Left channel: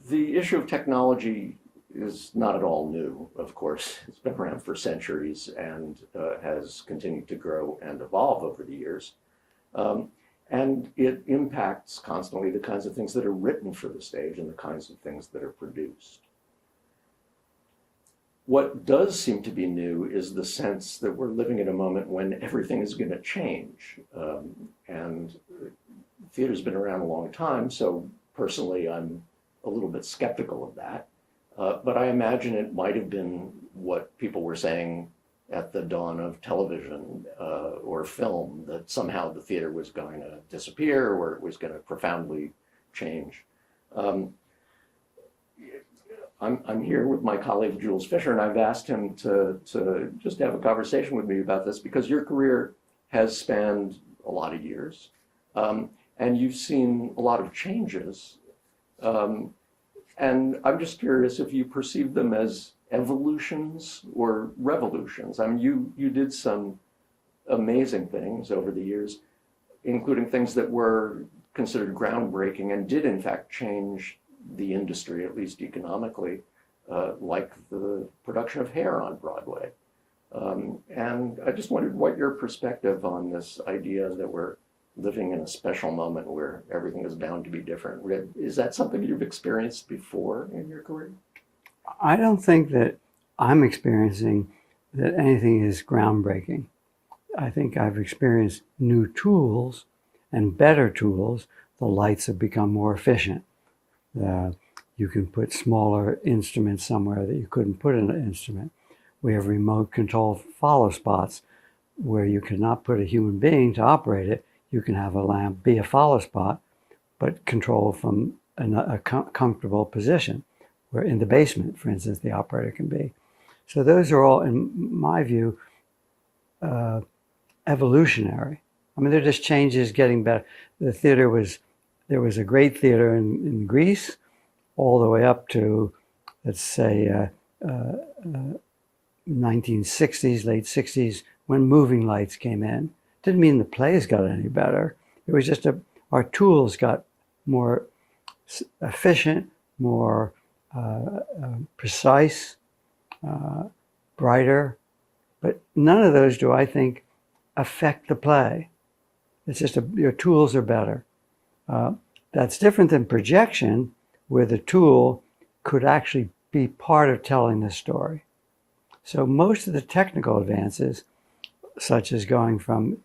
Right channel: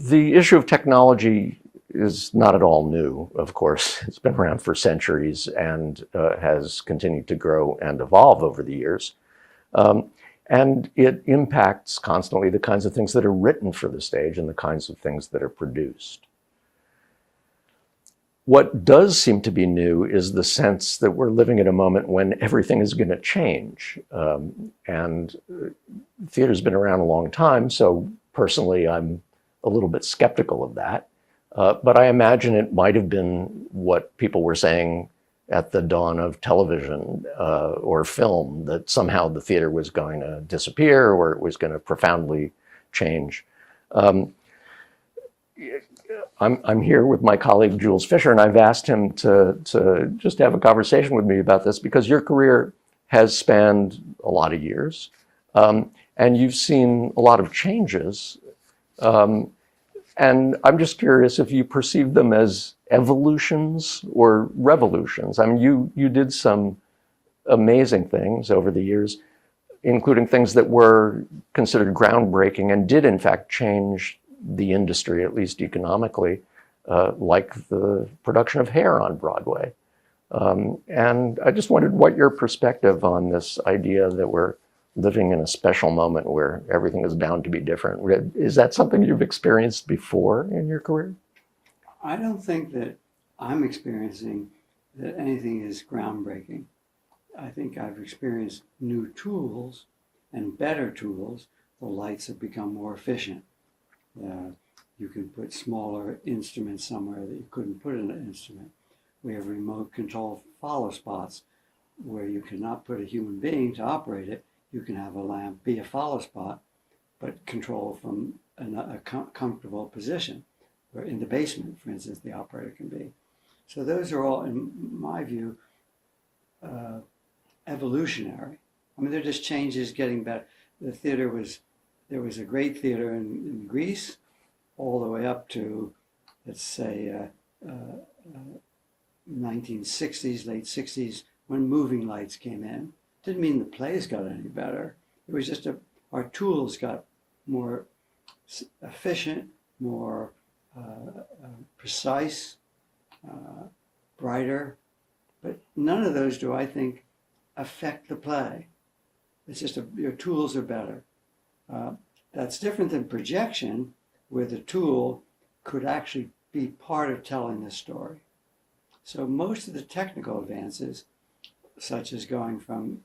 The issue of technology is not at all new, of course. It's been around for centuries and has continued to grow and evolve over the years. And it impacts constantly the kinds of things that are written for the stage and the kinds of things that are produced. What does seem to be new is the sense that we're living at a moment when everything is going to change. And theater's been around a long time, so personally I'm a little bit skeptical of that. But I imagine it might have been what people were saying at the dawn of television or film, that somehow the theater was going to disappear or it was going to profoundly change. I'm here with my colleague Jules Fisher, and I've asked him to just have a conversation with me about this because your career has spanned a lot of years, and you've seen a lot of changes. And I'm just curious if you perceive them as evolutions or revolutions. I mean, you did some amazing things over the years, including things that were considered groundbreaking and did in fact change the industry, at least economically, like the production of Hair on Broadway. And I just wondered what your perspective on this idea that we're living in a special moment where everything is bound to be different. Is that something you've experienced before in your career? I don't think that I'm experiencing that anything is groundbreaking. I think I've experienced new tools and better tools. The lights have become more efficient. You can put smaller instruments somewhere that you couldn't put in an instrument. We have remote control follow spots where you cannot put a human being to operate it. You can have a lamp be a follow spot, but control from a comfortable position, where in the basement, for instance, the operator can be. So those are all, in my view, evolutionary. I mean, they're just changes getting better. There was a great theater in Greece all the way up to, let's say, 1960s, late 60s, when moving lights came in. Didn't mean the plays got any better. It was just our tools got more efficient, more precise, brighter. But none of those do I think affect the play. It's just your tools are better. That's different than projection, where the tool could actually be part of telling the story. So most of the technical advances, such as going from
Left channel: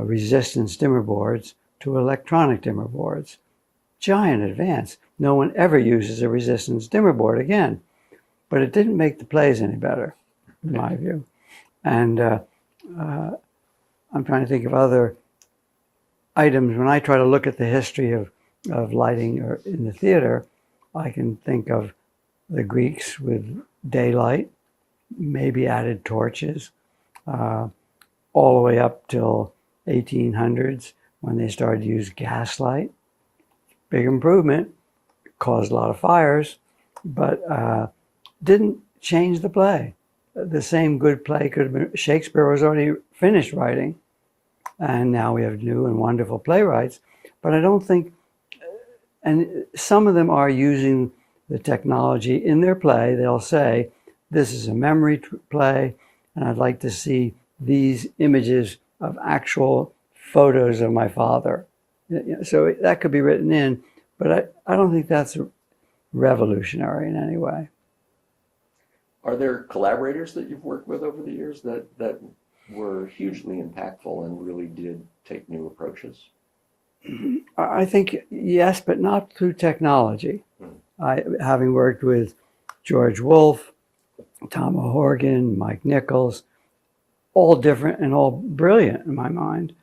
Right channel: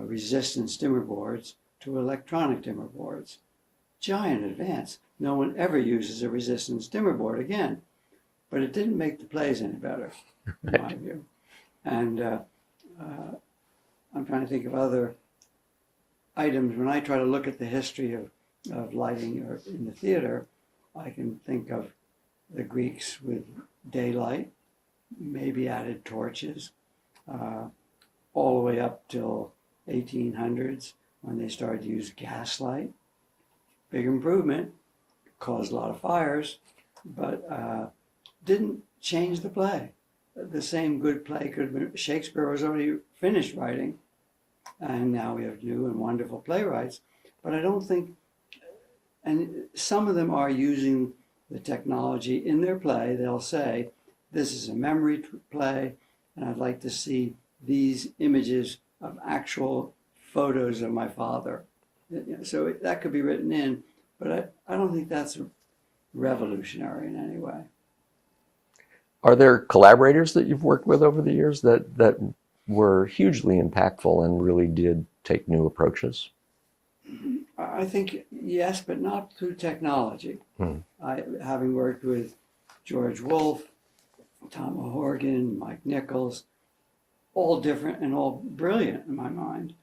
resistance dimmer boards to electronic dimmer boards, giant advance. No one ever uses a resistance dimmer board again, but it didn't make the plays any better, in my view. And I'm trying to think of other items. When I try to look at the history of lighting or in the theater, I can think of the Greeks with daylight, maybe added torches, all the way up till 1800s when they started to use gaslight. Big improvement, caused a lot of fires, but didn't change the play. The same good play could have been, Shakespeare was already finished writing, and now we have new and wonderful playwrights, but I don't think, and some of them are using the technology in their play. They'll say, this is a memory play, and I'd like to see these images of actual photos of my father. So that could be written in, but I don't think that's revolutionary in any way. Are there collaborators that you've worked with over the years that were hugely impactful and really did take new approaches? I think yes, but not through technology. Having worked with George Wolfe, Tom O'Horgan, Mike Nichols, all different and all brilliant in my mind.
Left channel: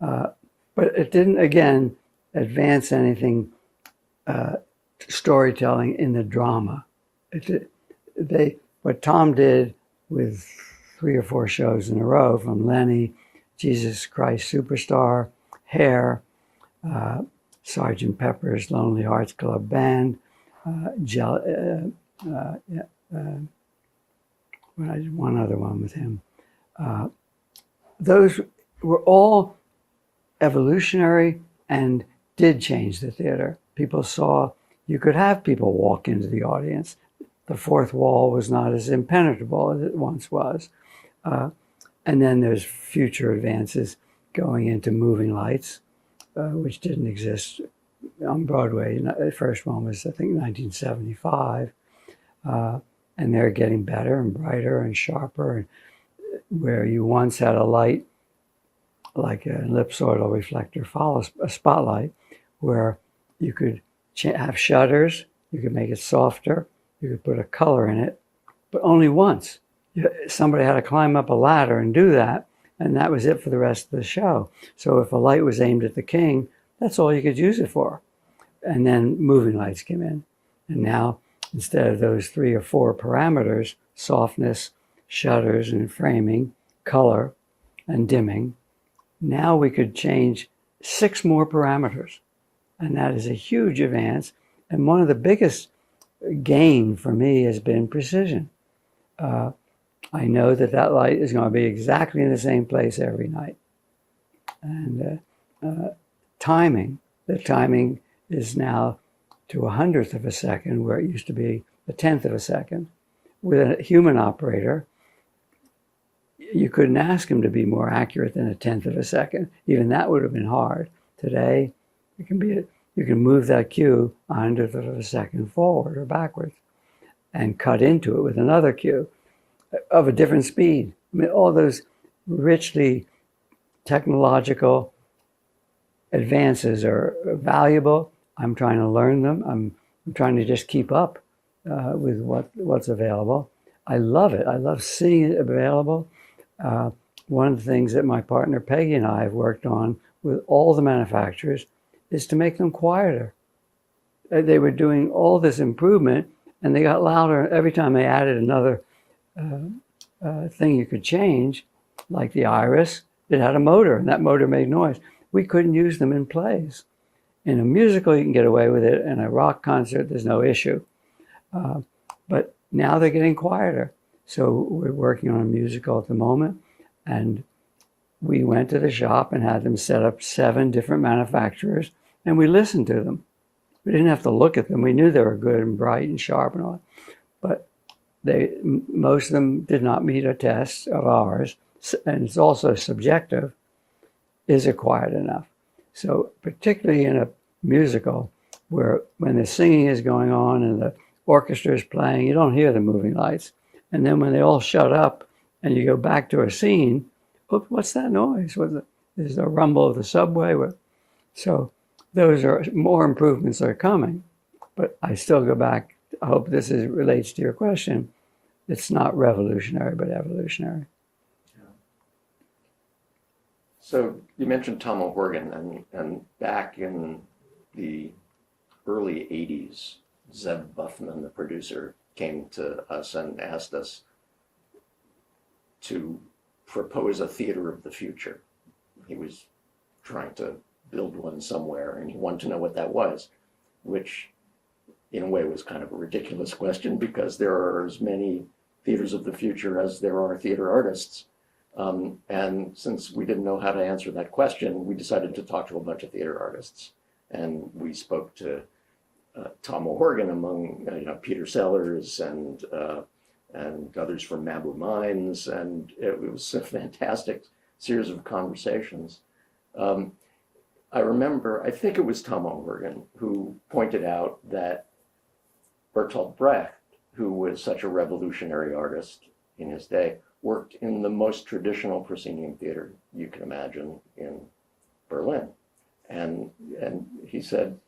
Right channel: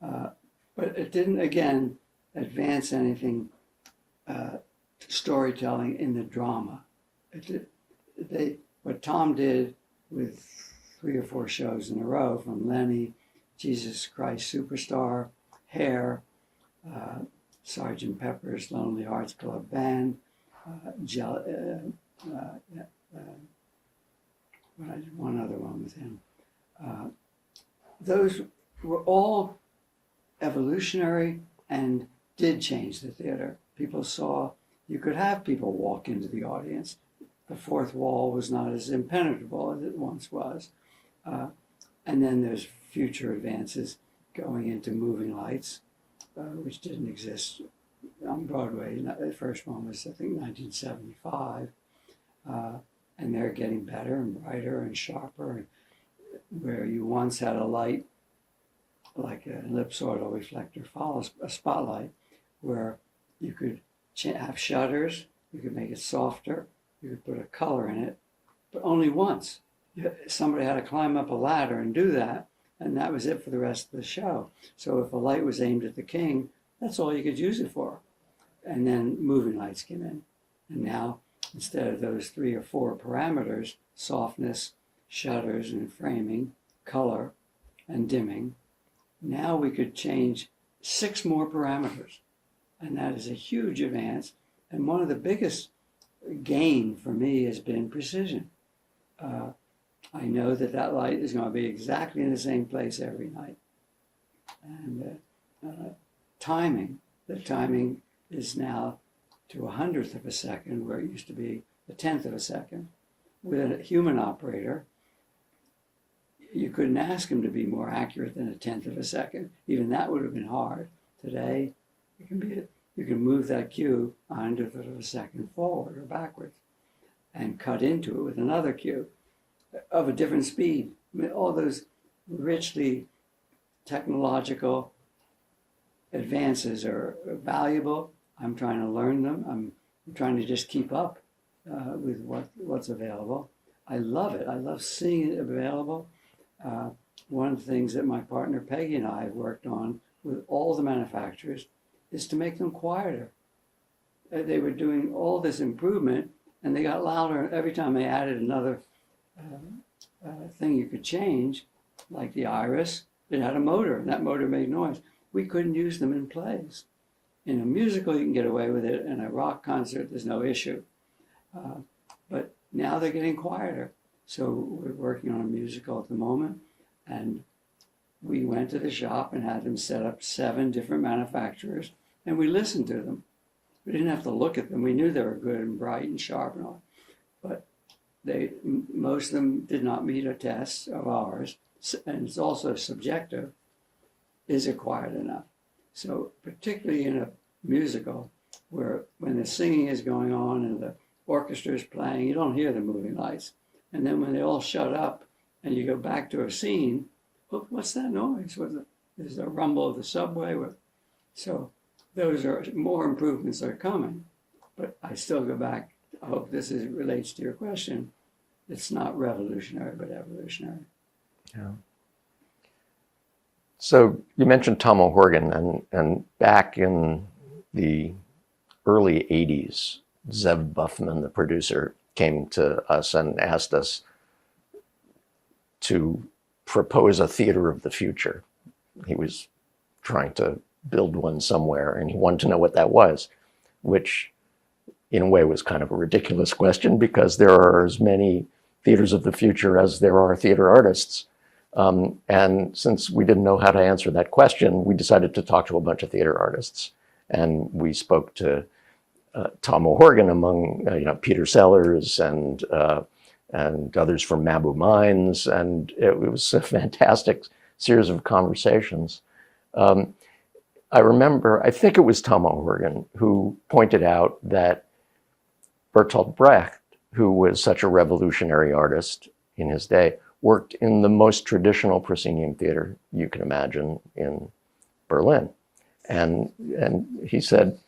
But it didn't, again, advance anything storytelling in the drama. What Tom did with 3 or 4 shows in a row, from Lenny, Jesus Christ Superstar, Hair, Sgt. Pepper's Lonely Hearts Club Band, one other one with him. Those were all evolutionary and did change the theater. People saw you could have people walk into the audience. The fourth wall was not as impenetrable as it once was. And then there's future advances going into moving lights, which didn't exist on Broadway. The first one was, I think, 1975. And they're getting better and brighter and sharper. And where you once had a light, like an ellipsoidal reflector, follow a spotlight, where you could have shutters, you could make it softer, you could put a color in it, but only once. Somebody had to climb up a ladder and do that, and that was it for the rest of the show. So if a light was aimed at the king, that's all you could use it for. And then moving lights came in. And now, instead of those 3 or 4 parameters, softness, shutters and framing, color, and dimming, now we could change 6 more parameters. And that is a huge advance. And one of the biggest gain for me has been precision. I know that that light is going to be exactly in the same place every night. And timing, the timing is now to 100th of a second, where it used to be a 10th of a second. With a human operator, you couldn't ask him to be more accurate than a 10th of a second. Even that would have been hard. Today, it can be you can move that cue 100th of a second forward or backwards and cut into it with another cue of a different speed. I mean, all those richly technological advances are valuable. I'm trying to learn them. I'm trying to just keep up with what's available. I love it. I love seeing it available. One of the things that my partner Peggy and I have worked on with all the manufacturers is to make them quieter. They were doing all this improvement, and they got louder every time they added another thing you could change, like the iris. It had a motor, and that motor made noise. We couldn't use them in plays. In a musical, you can get away with it. In a rock concert, there's no issue. But now they're getting quieter. So we're working on a musical at the moment, and we went to the shop and had them set up 7 different manufacturers, and we listened to them. We didn't have to look at them. We knew they were good and bright and sharp and all, but most of them did not meet a test of ours, and it's also subjective. Is it quiet enough? So particularly in a musical, where when the singing is going on and the orchestra is playing, you don't hear the moving lights. And then when they all shut up and you go back to a scene, what's that noise? Is the rumble of the subway? So those are more improvements are coming. But I still go back. I hope this relates to your question. It's not revolutionary, but evolutionary. Yeah. So you mentioned Tom O'Horgan, and back in the early 80s, Zev Buffman, the producer, came to us and asked us to propose a theater of the future. He was trying to build one somewhere, and he wanted to know what that was, which in a way was kind of a ridiculous question, because there are as many theaters of the future as there are theater artists. And since we didn't know how to answer that question, we decided to talk to a bunch of theater artists. And we spoke to Tom O'Horgan, among Peter Sellers and others from Mabou Mines, and it was a fantastic series of conversations. I remember, I think it was Tom O'Horgan who pointed out that Bertolt Brecht, who was such a revolutionary artist in his day, worked in the most traditional proscenium theater you can imagine in Berlin. And he said,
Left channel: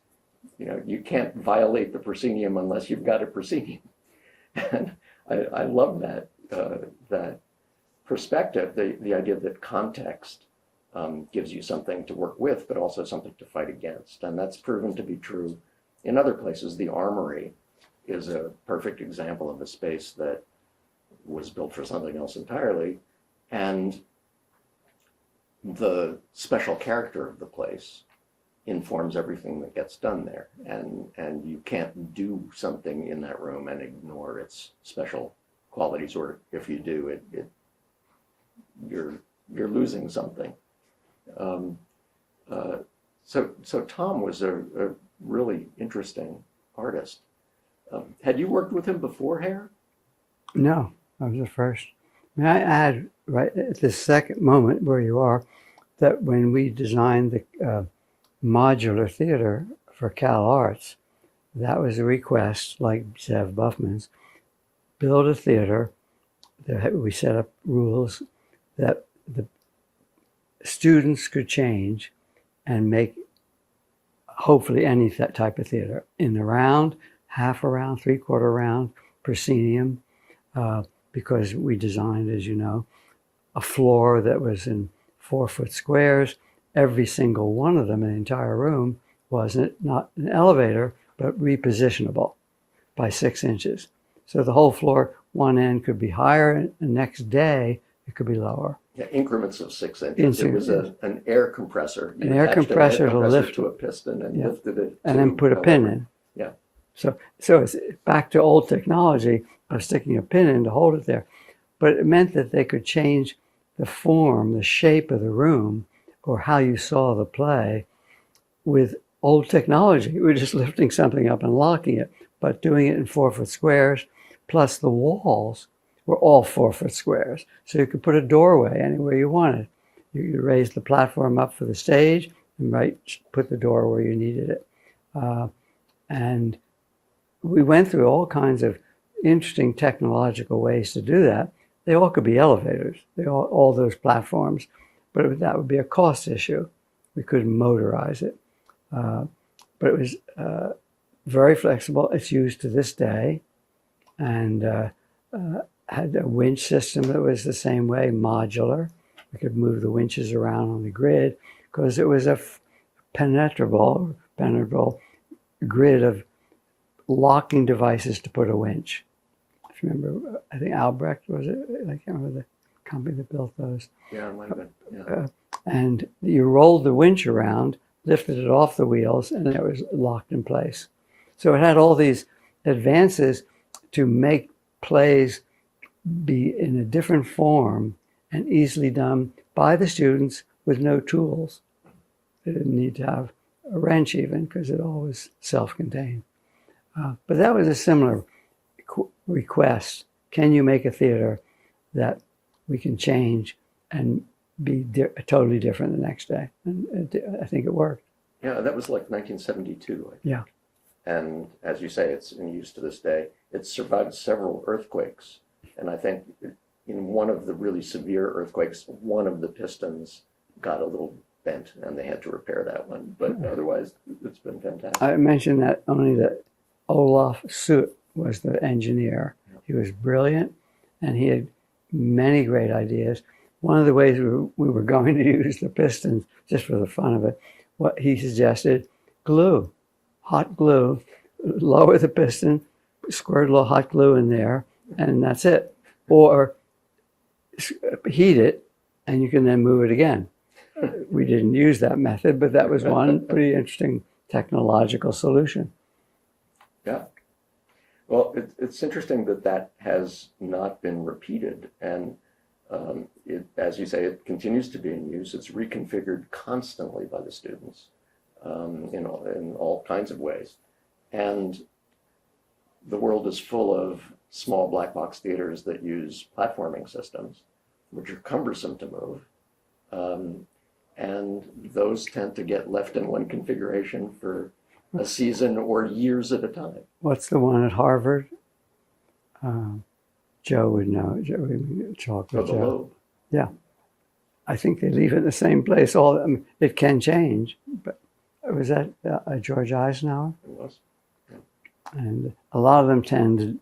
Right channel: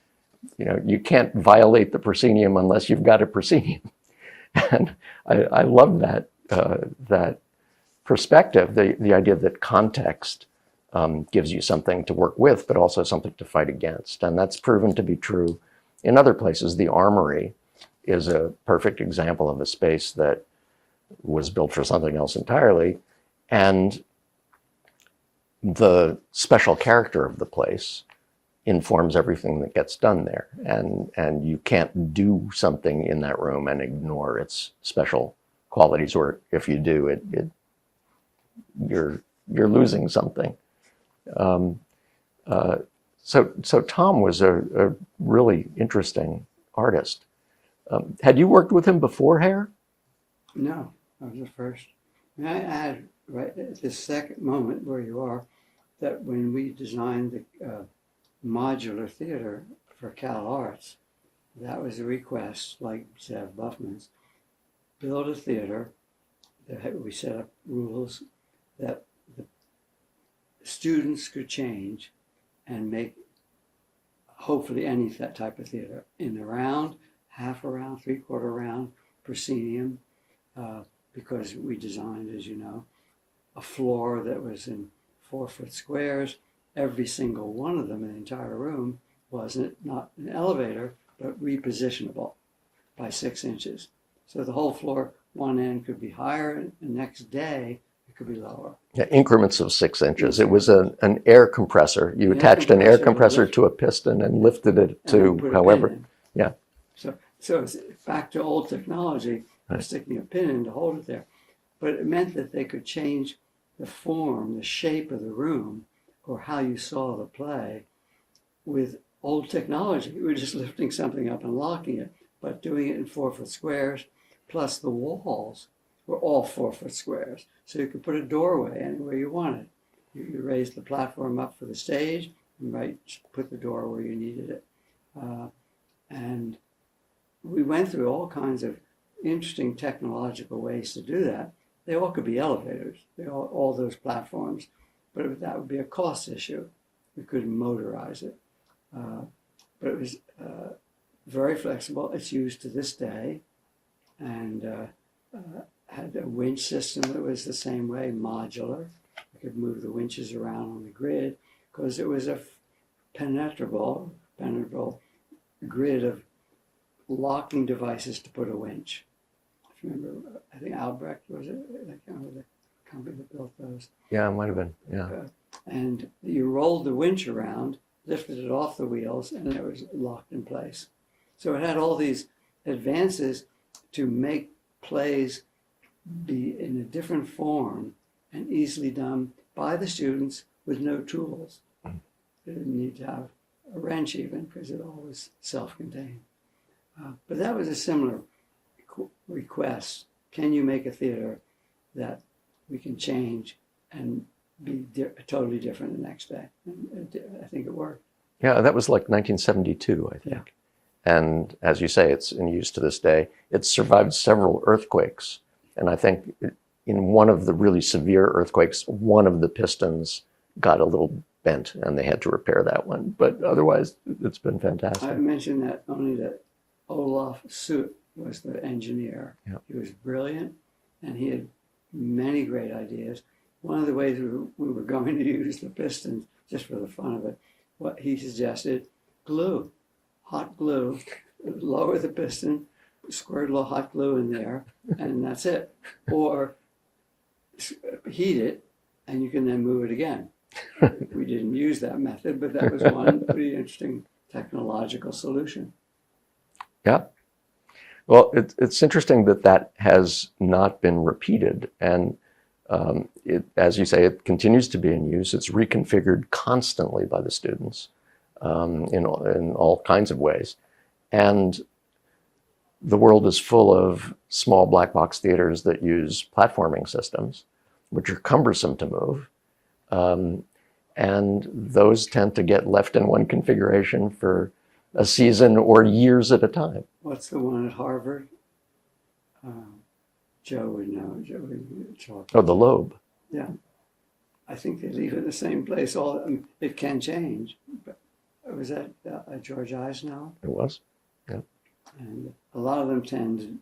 you can't violate the proscenium unless you've got a proscenium. And I love that perspective, the idea that context gives you something to work with, but also something to fight against. And that's proven to be true in other places. The Armory is a perfect example of a space that was built for something else entirely. And the special character of the place informs everything that gets done there. And you can't do something in that room and ignore its special qualities, or if you do, you're losing something. So Tom was a really interesting artist. Had you worked with him before Hair? No, I was the first. May I add, right at this second moment where you are, that when we designed the modular theater for Cal Arts, that was a request, like Zev Buffman's, build a theater. We set up rules that the students could change and make hopefully any type of theater in the round, half a round, three-quarter round, proscenium, because we designed, as you know, a floor that was in 4-foot squares. Every single one of them in the entire room was not an elevator, but repositionable by 6 inches. So the whole floor, one end could be higher, and the next day it could be lower. Yeah, increments of 6 inches. It was an air compressor. You attached an air compressor to a piston and lifted it to, and then put a pin in. Yeah. So it's back to old technology of sticking a pin in to hold it there. But it meant that they could change the form, the shape of the room, or how you saw the play with old technology. We were just lifting something up and locking it, but doing it in 4-foot squares, plus the walls were all 4-foot squares. So you could put a doorway anywhere you wanted. You raised the platform up for the stage and put the door where you needed it. And we went through all kinds of interesting technological ways to do that. They all could be elevators, all those platforms, but that would be a cost issue. We couldn't motorize it. But it was very flexible. It's used to this day, and had a winch system that was the same way, modular. We could move the winches around on the grid because it was a penetrable grid of locking devices to put a winch. If you remember, I think Albrecht was it? I can't remember the company that built those. Yeah, it might have been. Yeah. And you rolled the winch around, lifted it off the wheels, and it was locked in place. So it had all these advances to make plays be in a different form and easily done by the students with no tools. They didn't need to have a wrench even because it all was self-contained. But that was a similar request. Can you make a theater that we can change and be totally different the next day? And I think it worked. Yeah, that was like 1972, I think. Yeah. And as you say, it's in use to this day. It's survived several earthquakes. And I think in one of the really severe earthquakes, one of the pistons got a little bent and they had to repair that one. But otherwise, it's been fantastic. I mentioned that only that Olaf Soot was the engineer. Yeah. He was brilliant and he had many great ideas. One of the ways we were going to use the pistons, just for the fun of it, what he suggested, glue, hot glue, lower the piston, squirt a little hot glue in there, and that's it. Or heat it, and you can then move it again. We didn't use that method, but that was one pretty interesting technological solution. Yeah. Well, it's interesting that has not been repeated. And as you say, it continues to be in use. It's reconfigured constantly by the students in all kinds of ways. And the world is full of small black box theaters that use platforming systems, which are cumbersome to move. And those tend to get left in one configuration for a season or years at a time. What's the one at Harvard? Joe would know. Oh, the Loeb. Yeah. I think they leave it in the same place. It can change, but was that George Eisenhower? It was, yeah. And a lot of them tend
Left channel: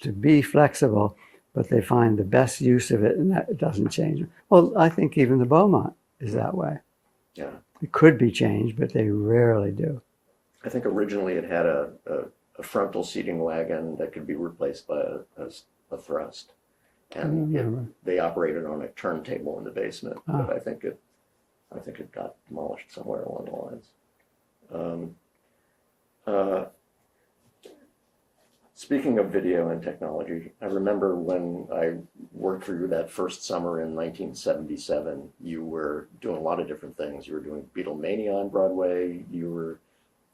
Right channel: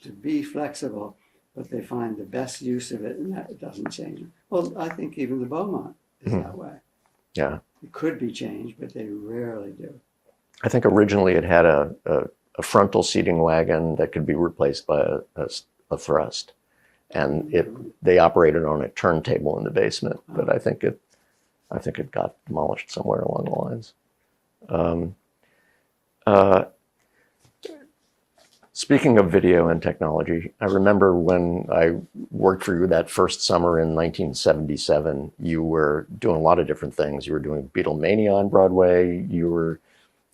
to be flexible, but they find the best use of it, and that doesn't change. Well, I think even the Beaumont is that way. Yeah. It could be changed, but they rarely do. I think originally it had a frontal seating wagon that could be replaced by a thrust. And they operated on a turntable in the basement, but I think it got demolished somewhere along the lines. Speaking of video and technology, I remember when I worked for you that first summer in 1977, you were doing a lot of different things. You were doing Beetle Mania on Broadway. You were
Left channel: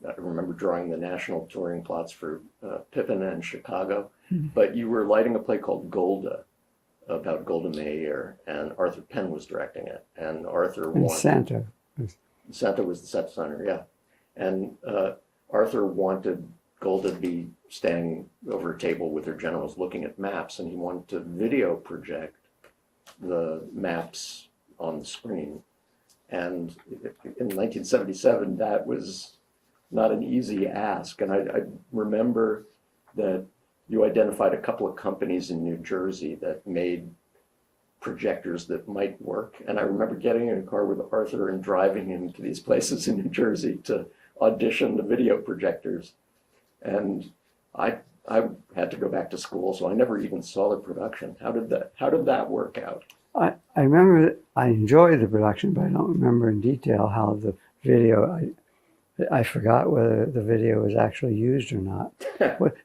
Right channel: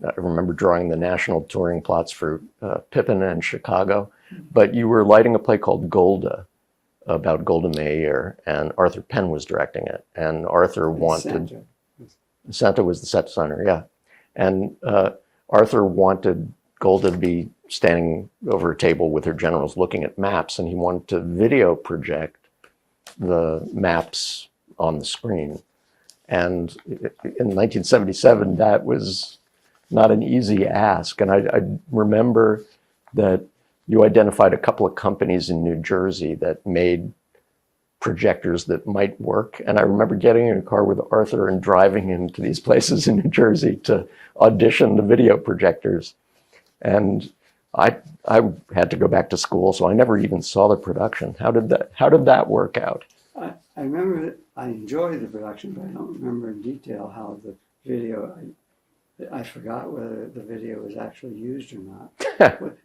I remember drawing the national touring plots for Pippin and Chicago, but you were lighting a play called Golda about Golda Meir, and Arthur Penn was directing it. And Arthur wanted... Santa was the set designer, yeah. And Arthur wanted Golda to be standing over a table with her generals looking at maps, and he wanted to video project the maps on the screen. And in 1977, that was not an easy ask. And I remember that you identified a couple of companies in New Jersey that made projectors that might work. And I remember getting in a car with Arthur and driving him to these places in New Jersey to audition the video projectors. And I had to go back to school, so I never even saw the production. How did that work out? I remember I enjoyed the production, but I don't remember in detail how the video, I forgot whether the video was actually used or not.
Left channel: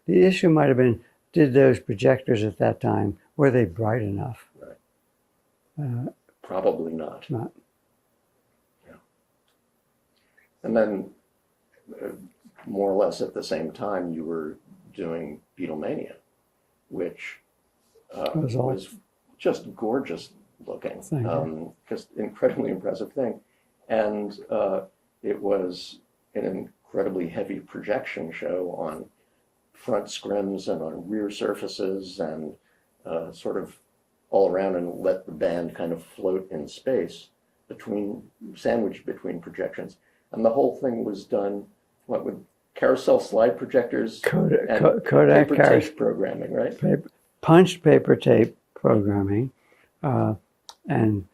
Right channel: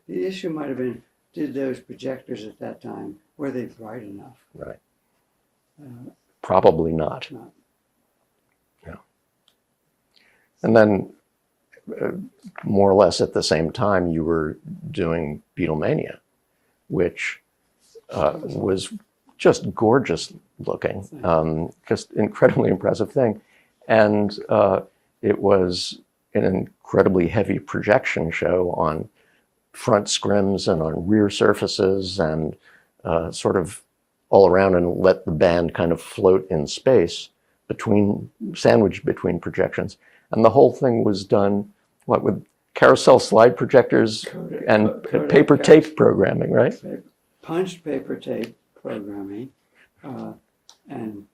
The issue might have been, did those projectors at that time, were they bright enough? Right. Probably not. Yeah. And then more or less at the same time, you were doing Beetle Mania, which was just gorgeous looking, just incredibly impressive thing. And it was an incredibly heavy projection show on front scrims and on rear surfaces and sort of all around, and let the band kind of float in space sandwiched between projections. And the whole thing was done, with carousel slide projectors and paper tape programming, right? Punched paper tape programming. And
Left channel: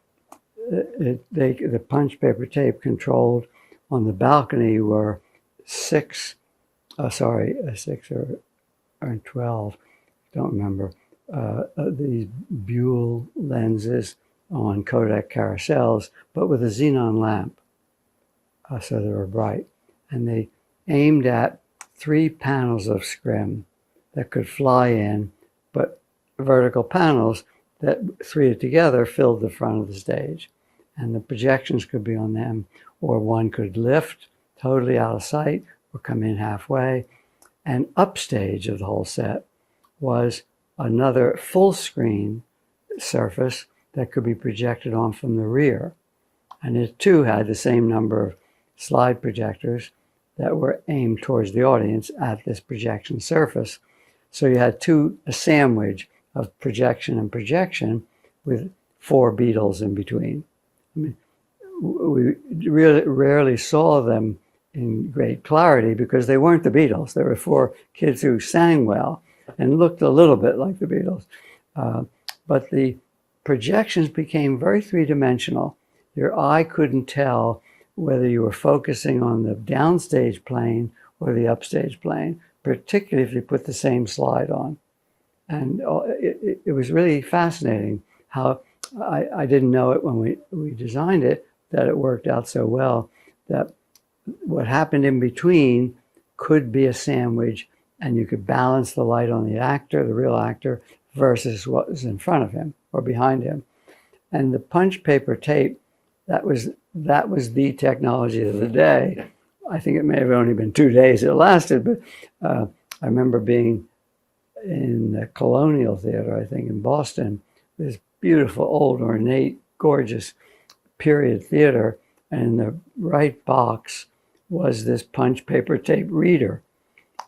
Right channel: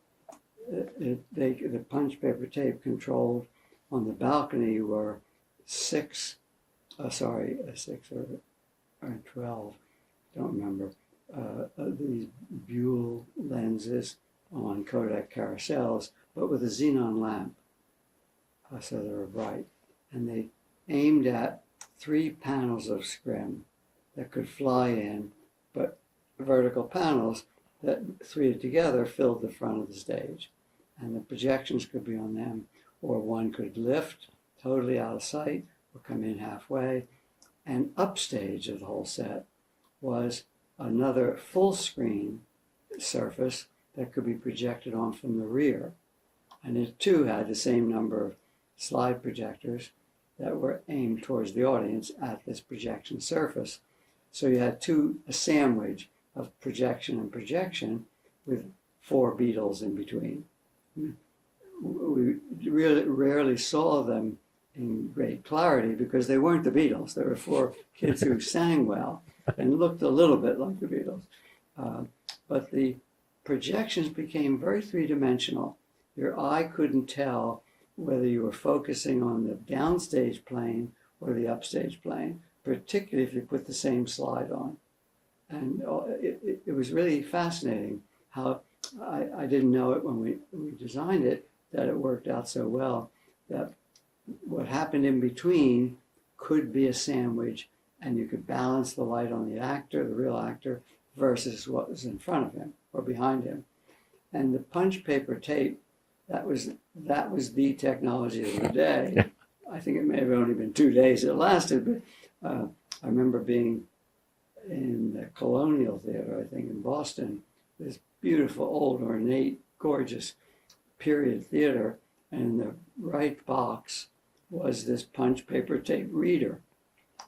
the punched paper tape controlled on the balcony were 6 or 12, don't remember, these Buell lenses on Kodak carousels, but with a xenon lamp, so they were bright. And they aimed at 3 panels of scrim that could fly in, but vertical panels that 3 together filled the front of the stage. And the projections could be on them, or one could lift totally out of sight or come in halfway. And upstage of the whole set was another full screen surface that could be projected on from the rear. And it too had the same number of slide projectors that were aimed towards the audience at this projection surface. So you had a sandwich of projection and projection with 4 Beatles in between. I mean, we really rarely saw them in great clarity because they weren't the Beatles. There were 4 kids who sang well and looked a little bit like the Beatles. But the projections became very three-dimensional. Your eye couldn't tell whether you were focusing on the downstage plane or the upstage plane, particularly if you put the same slide on. And it was really fascinating how I didn't know it when we designed it, that it worked out so well, that what happened in between could be a sandwich, and you could balance the light on the actor, the real actor, versus what was in front of him or behind him. And the punch paper tape, that was the technology of the day. I think it may have only been 2 days it lasted, but I remember being in the Colonial Theater, I think in Boston, this beautiful, old, ornate, gorgeous period theater, and in the right box was this punch paper tape reader.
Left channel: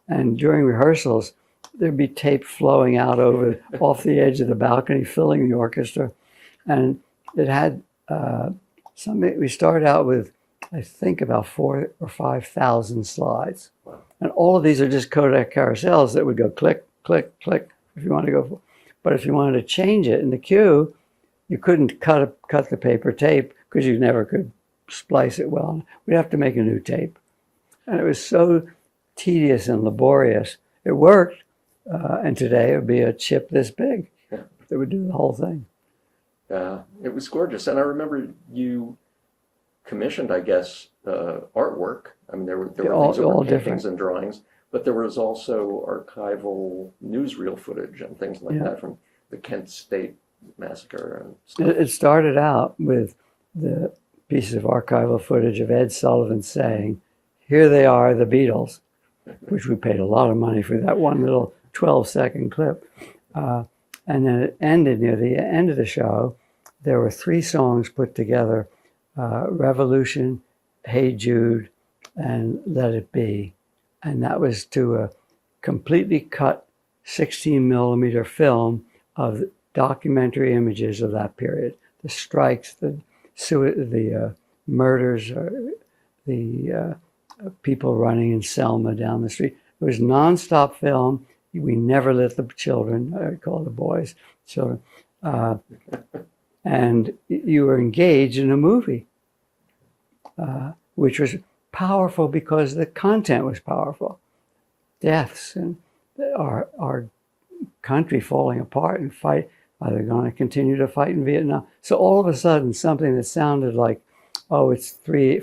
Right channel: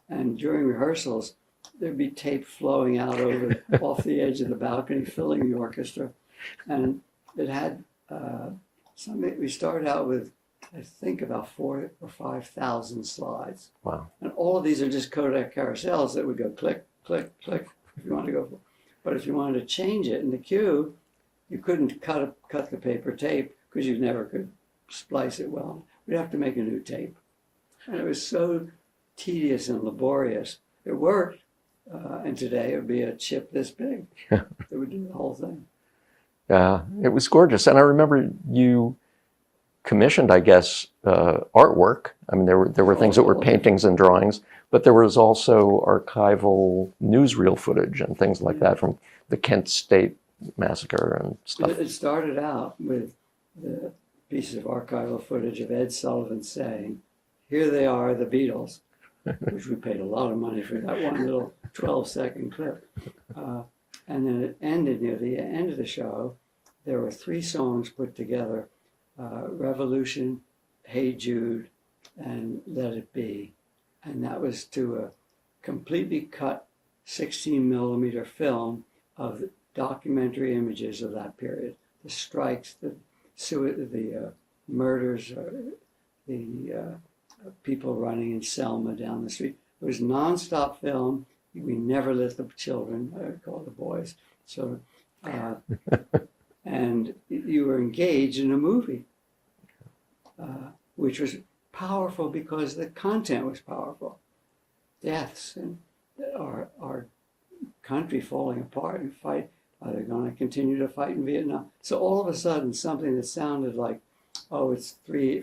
And during rehearsals, there'd be tape flowing out off the edge of the balcony, filling the orchestra. And it had we started out with, I think, about 4,000 or 5,000 slides. Wow. And all of these are just Kodak carousels that would go click, click, click, if you want to go. But if you wanted to change it in the queue, you couldn't cut the paper tape because you never could splice it well. We'd have to make a new tape. And it was so tedious and laborious. It worked. And today it would be a chip this big that would do the whole thing. Yeah, it was gorgeous. And I remember you commissioned, I guess, artwork. I mean, there were things that were paintings and drawings, but there was also archival newsreel footage and things like that from the Kent State massacre and stuff. It started out with the pieces of archival footage of Ed Sullivan saying here they are, the Beatles, which we paid a lot of money for that one little 12-second clip. And then it ended near the end of the show. There were 3 songs put together, Revolution, Hey Jude, and Let It Be. And that was to a completely cut 16 millimeter film of documentary images of that period. The strikes, the murders, the people running in Selma down the street. It was nonstop film. We never let the children, I call the boys, children, and you were engaged in a movie, which was powerful because the content was powerful. Deaths and our country falling apart and fight. Are they going to continue to fight in Vietnam? So all of a sudden, something that sounded like, oh, it's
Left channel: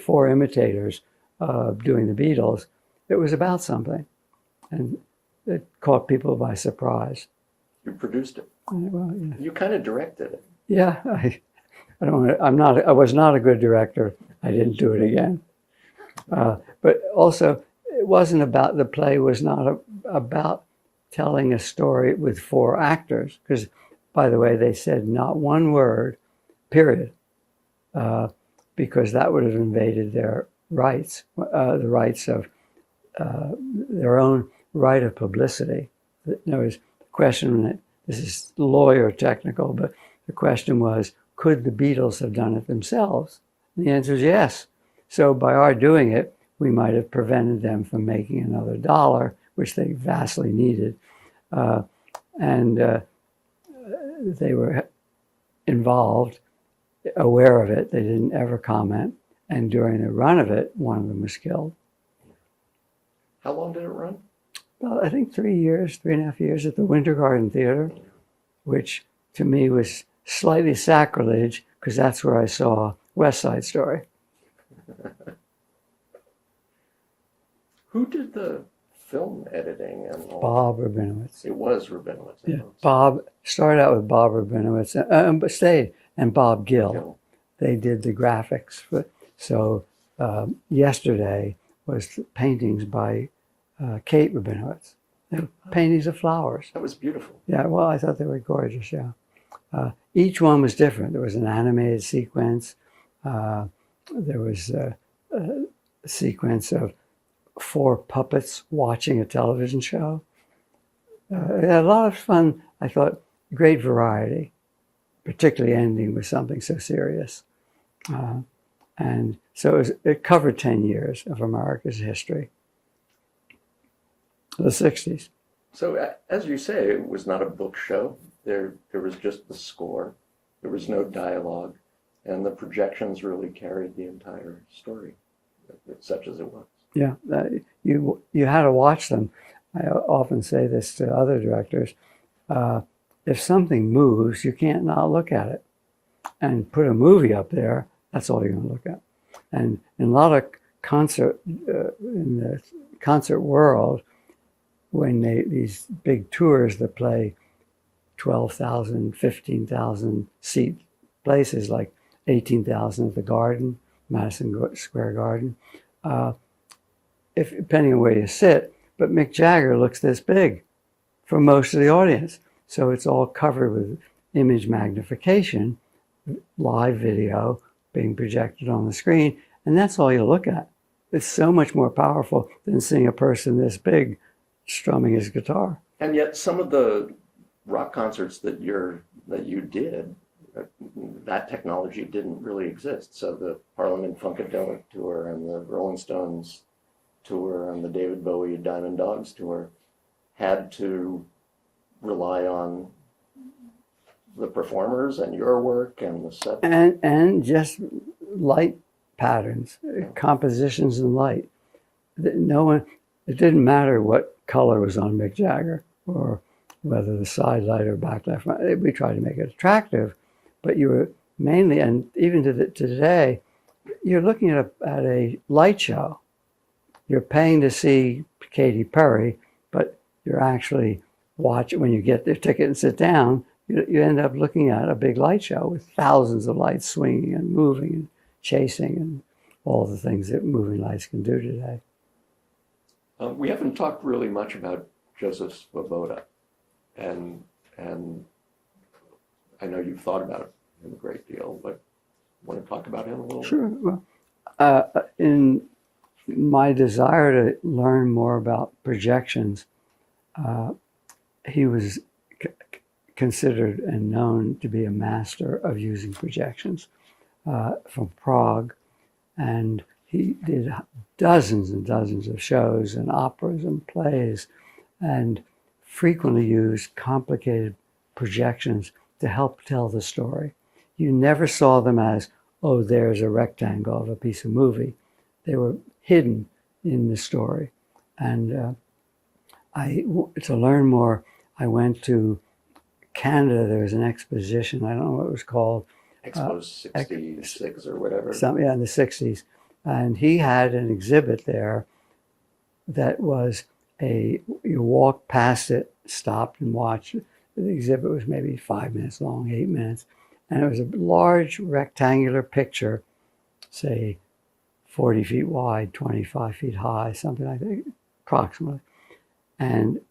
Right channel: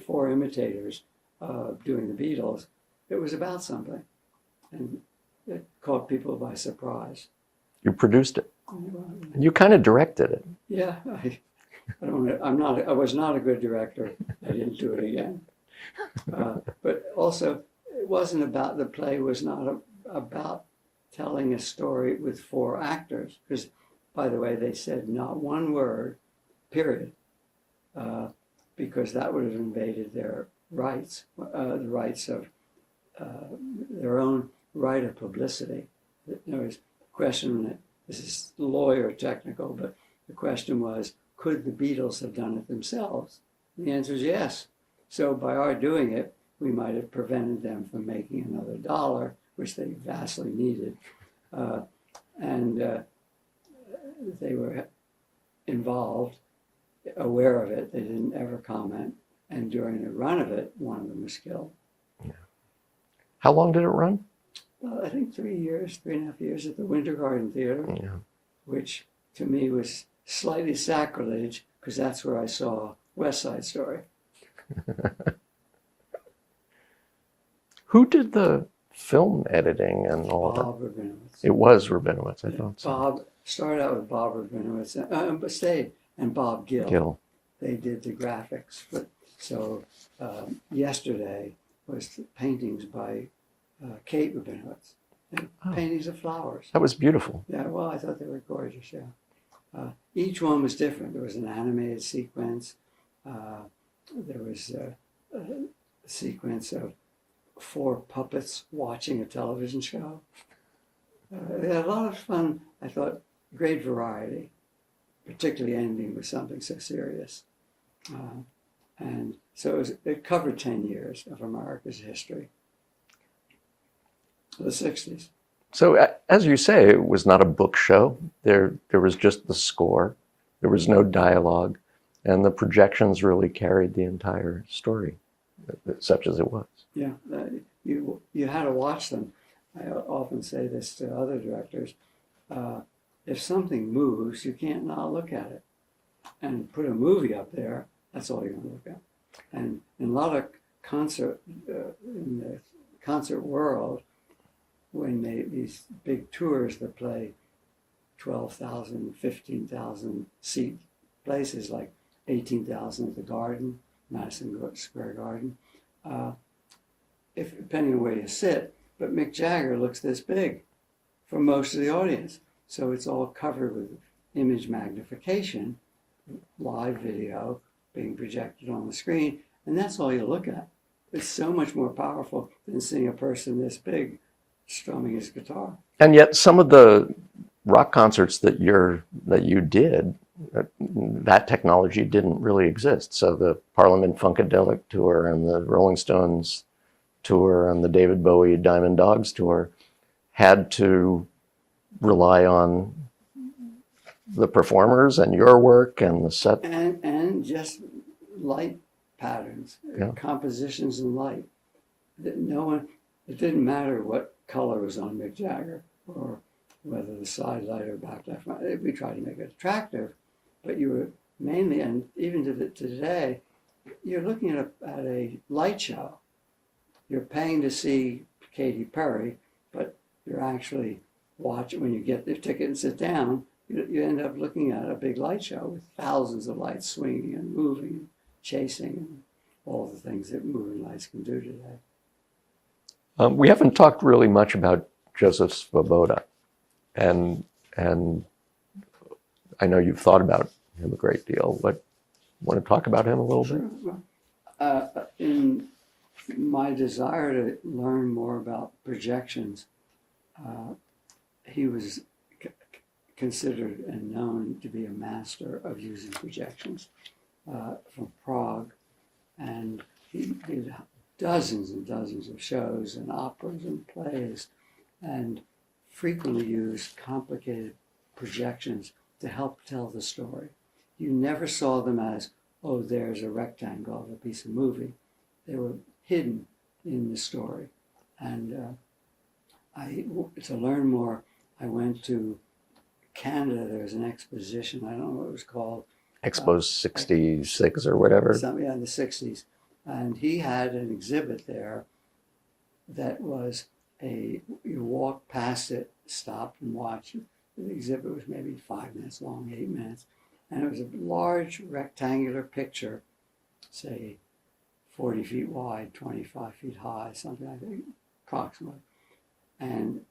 4 imitators doing the Beatles, it was about something. And it caught people by surprise. You produced it. Well, yeah. You kind of directed it. Yeah, I was not a good director. I didn't do it again. But also, it wasn't about, the play was not about telling a story with 4 actors, because, by the way, they said not one word, period, because that would have invaded their rights, the rights of their own right of publicity. There was a question, this is lawyer technical, but the question was, could the Beatles have done it themselves? And the answer is yes. So by our doing it, we might have prevented them from making another dollar, which they vastly needed. They were involved, aware of it. They didn't ever comment. And during the run of it, one of them was killed. Yeah. How long did it run? Well, I think 3.5 years at the Winter Garden Theater, Yeah. which to me was slightly sacrilege because that's where I saw West Side Story. Who did the film editing and all Bob Rabinowitz. It was Rabinowitz, I thought. So. Bob started out with Bob Rabinowitz, but stayed, and Bob Gill. They did the graphics. So yesterday was paintings by Kate Rabinowitz. Paintings of flowers. That was beautiful. Yeah, well, I thought they were gorgeous, yeah. Each one was different. There was an animated sequence. There was a sequence of 4 puppets watching a television show. A lot of fun, I thought, great variety, particularly ending with something so serious. And so it covered 10 years of America's history, the 60s. So as you say, it was not a book show. There was just the score. There was no dialogue. And the projections really carried the entire story, such as it was. Yeah, you had to watch them. I often say this to other directors. If something moves, you can't not look at it. And put a movie up there, that's all you're going to look at. And in a lot of in the concert world, when these big tours that play 12,000, 15,000 seat places, like 18,000 at the Garden, Madison Square Garden, depending on where you sit, but Mick Jagger looks this big for most of the audience. So it's all covered with image magnification, live video being projected on the screen, and that's all you look at. It's so much more powerful than seeing a person this big strumming his guitar. And yet some of the rock concerts that you did, that technology didn't really exist. So the Parliament Funkadelic tour and the Rolling Stones tour and the David Bowie Diamond Dogs tour had to rely on the performers and your work and the set. And just light patterns, Yeah. compositions and light. It didn't matter what color was on Mick Jagger or whether the side light or backlight. We tried to make it attractive, but you were mainly, and even to today, you're looking at a light show. You're paying to see Katy Perry, but you're actually watching, when you get the ticket and sit down, you end up looking at a big light show with thousands of lights swinging and moving and chasing and all the things that moving lights can do today. We haven't talked really much about Joseph Svoboda, and I know you've thought about him a great deal. Want to talk about him a little Sure. bit? Well, in my desire to learn more about projections, he was considered and known to be a master of using projections from Prague. And he did dozens and dozens of shows and operas and plays, and frequently used complicated projections to help tell the story. You never saw them as, oh, there's a rectangle of a piece of movie. They were hidden in the story. And to learn more, I went to Canada. There was an exposition, I don't know what it was called. Expo 66 or whatever. In the 60s. And he had an exhibit there that was you walked past it, stopped and watched. The exhibit was maybe 5 minutes long, 8 minutes. And it was a large rectangular picture, say 40 feet wide, 25 feet high, something like that, approximately. And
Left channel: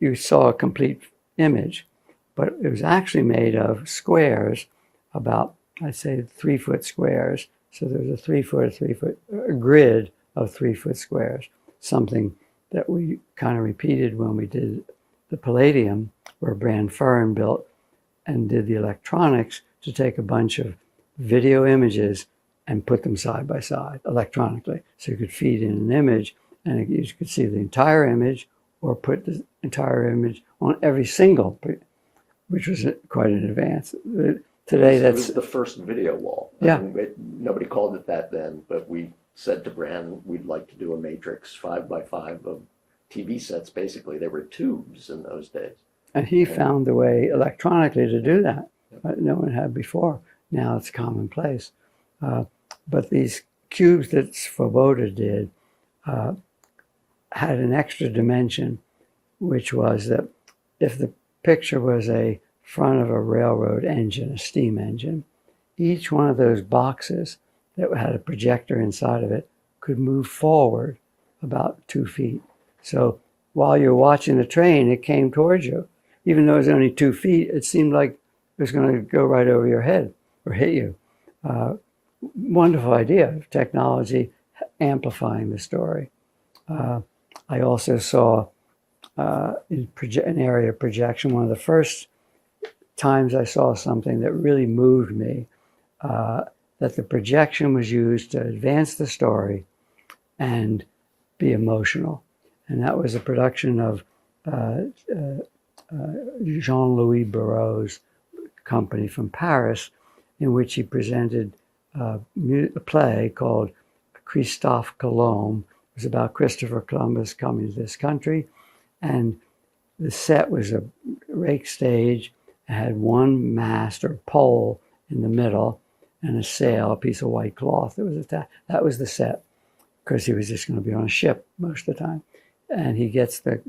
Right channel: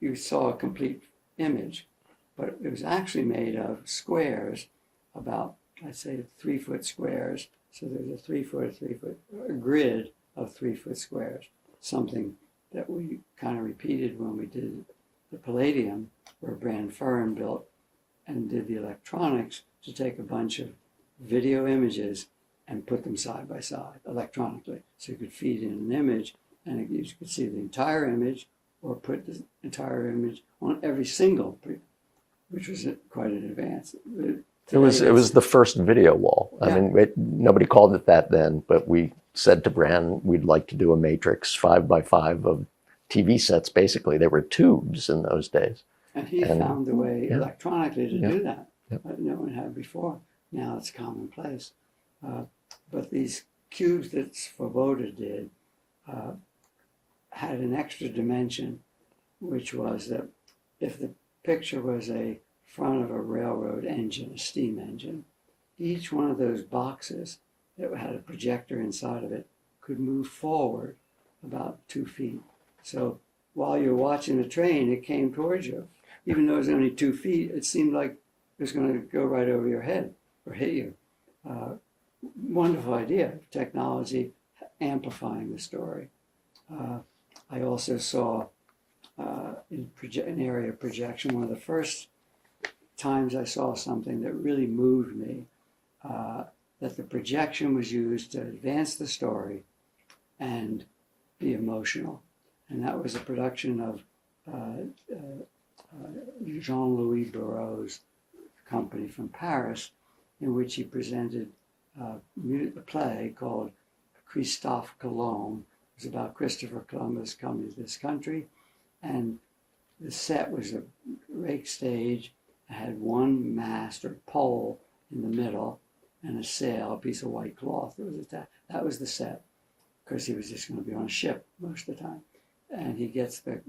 you saw a complete image, but it was actually made of squares, about, I'd say, 3-foot squares. So there's a 3-foot, a grid of 3-foot squares, something that we kind of repeated when we did the Palladium, where Brand Fern built and did the electronics to take a bunch of video images and put them side by side electronically. So you could feed in an image and you could see the entire image or put the entire image on every single, which was quite an advance. Today, it was the first video wall. Yeah. I mean, nobody called it that then, but we said to Brand, we'd like to do a matrix 5x5 of TV sets. Basically, they were tubes in those days. And he found a way electronically to do that. Yeah. No one had before. Now it's commonplace. But these cubes that Svoboda did had an extra dimension, which was that if the picture was a front of a railroad engine, a steam engine, each one of those boxes that had a projector inside of it could move forward about 2 feet. So while you're watching the train, it came towards you. Even though it was only 2 feet, it seemed like it was going to go right over your head or hit you. Wonderful idea of technology amplifying the story. I also saw in an area of projection, one of the first times I saw something that really moved me, that the projection was used to advance the story and be emotional. And that was a production of Jean-Louis Barrault's company from Paris, in which he presented a play called Christophe Colomb. It was about Christopher Columbus coming to this country. And the set was a rake stage. It had one mast or pole in the middle and a sail, a piece of white cloth that was attached. That was the set, because he was just going to be on a ship most of the time. And he gets the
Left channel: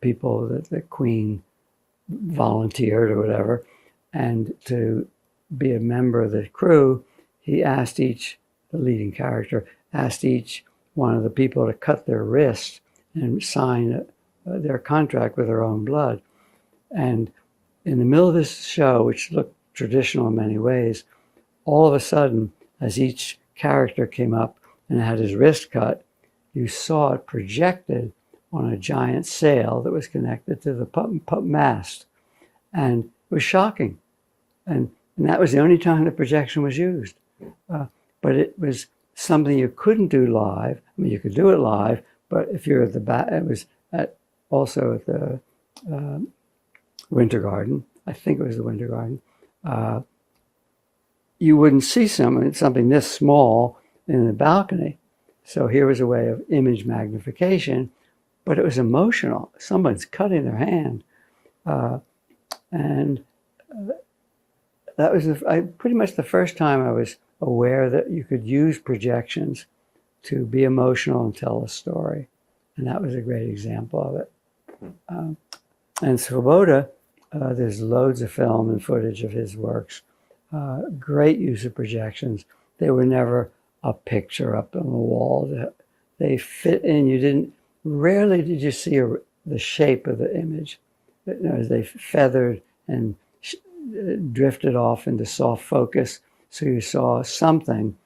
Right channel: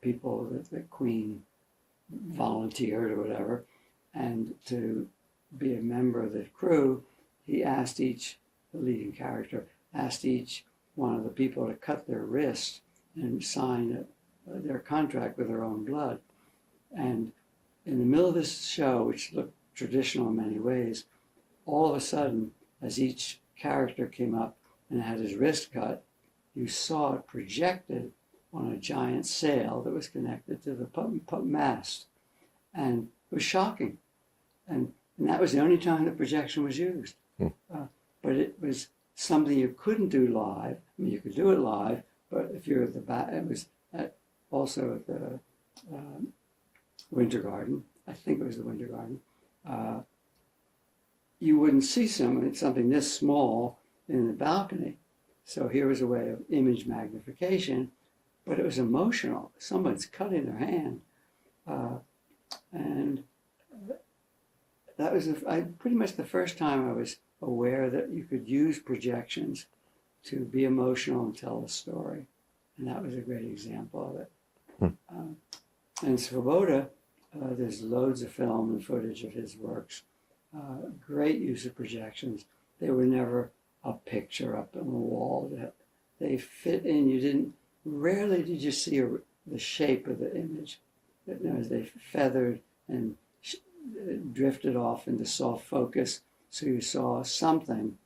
people that the Queen volunteered or whatever, and to be a member of the crew, he asked the leading character, asked each one of the people to cut their wrist and sign their contract with their own blood. And in the middle of this show, which looked traditional in many ways, all of a sudden, as each character came up and had his wrist cut, you saw it projected on a giant sail that was connected to the mast. And it was shocking. And that was the only time the projection was used. But it was something you couldn't do live. I mean, you could do it live, but if you're at the back, it was also at the Winter Garden. I think it was the Winter Garden. You wouldn't see something this small in the balcony. So here was a way of image magnification, but it was emotional. Someone's cutting their hand. And that was pretty much the first time I was aware that you could use projections to be emotional and tell a story. And that was a great example of it. And Svoboda, there's loads of film and footage of his works. Great use of projections. They were never a picture up on the wall. they fit in. Rarely did you see the shape of the image. As they feathered and drifted off into soft focus. So you saw something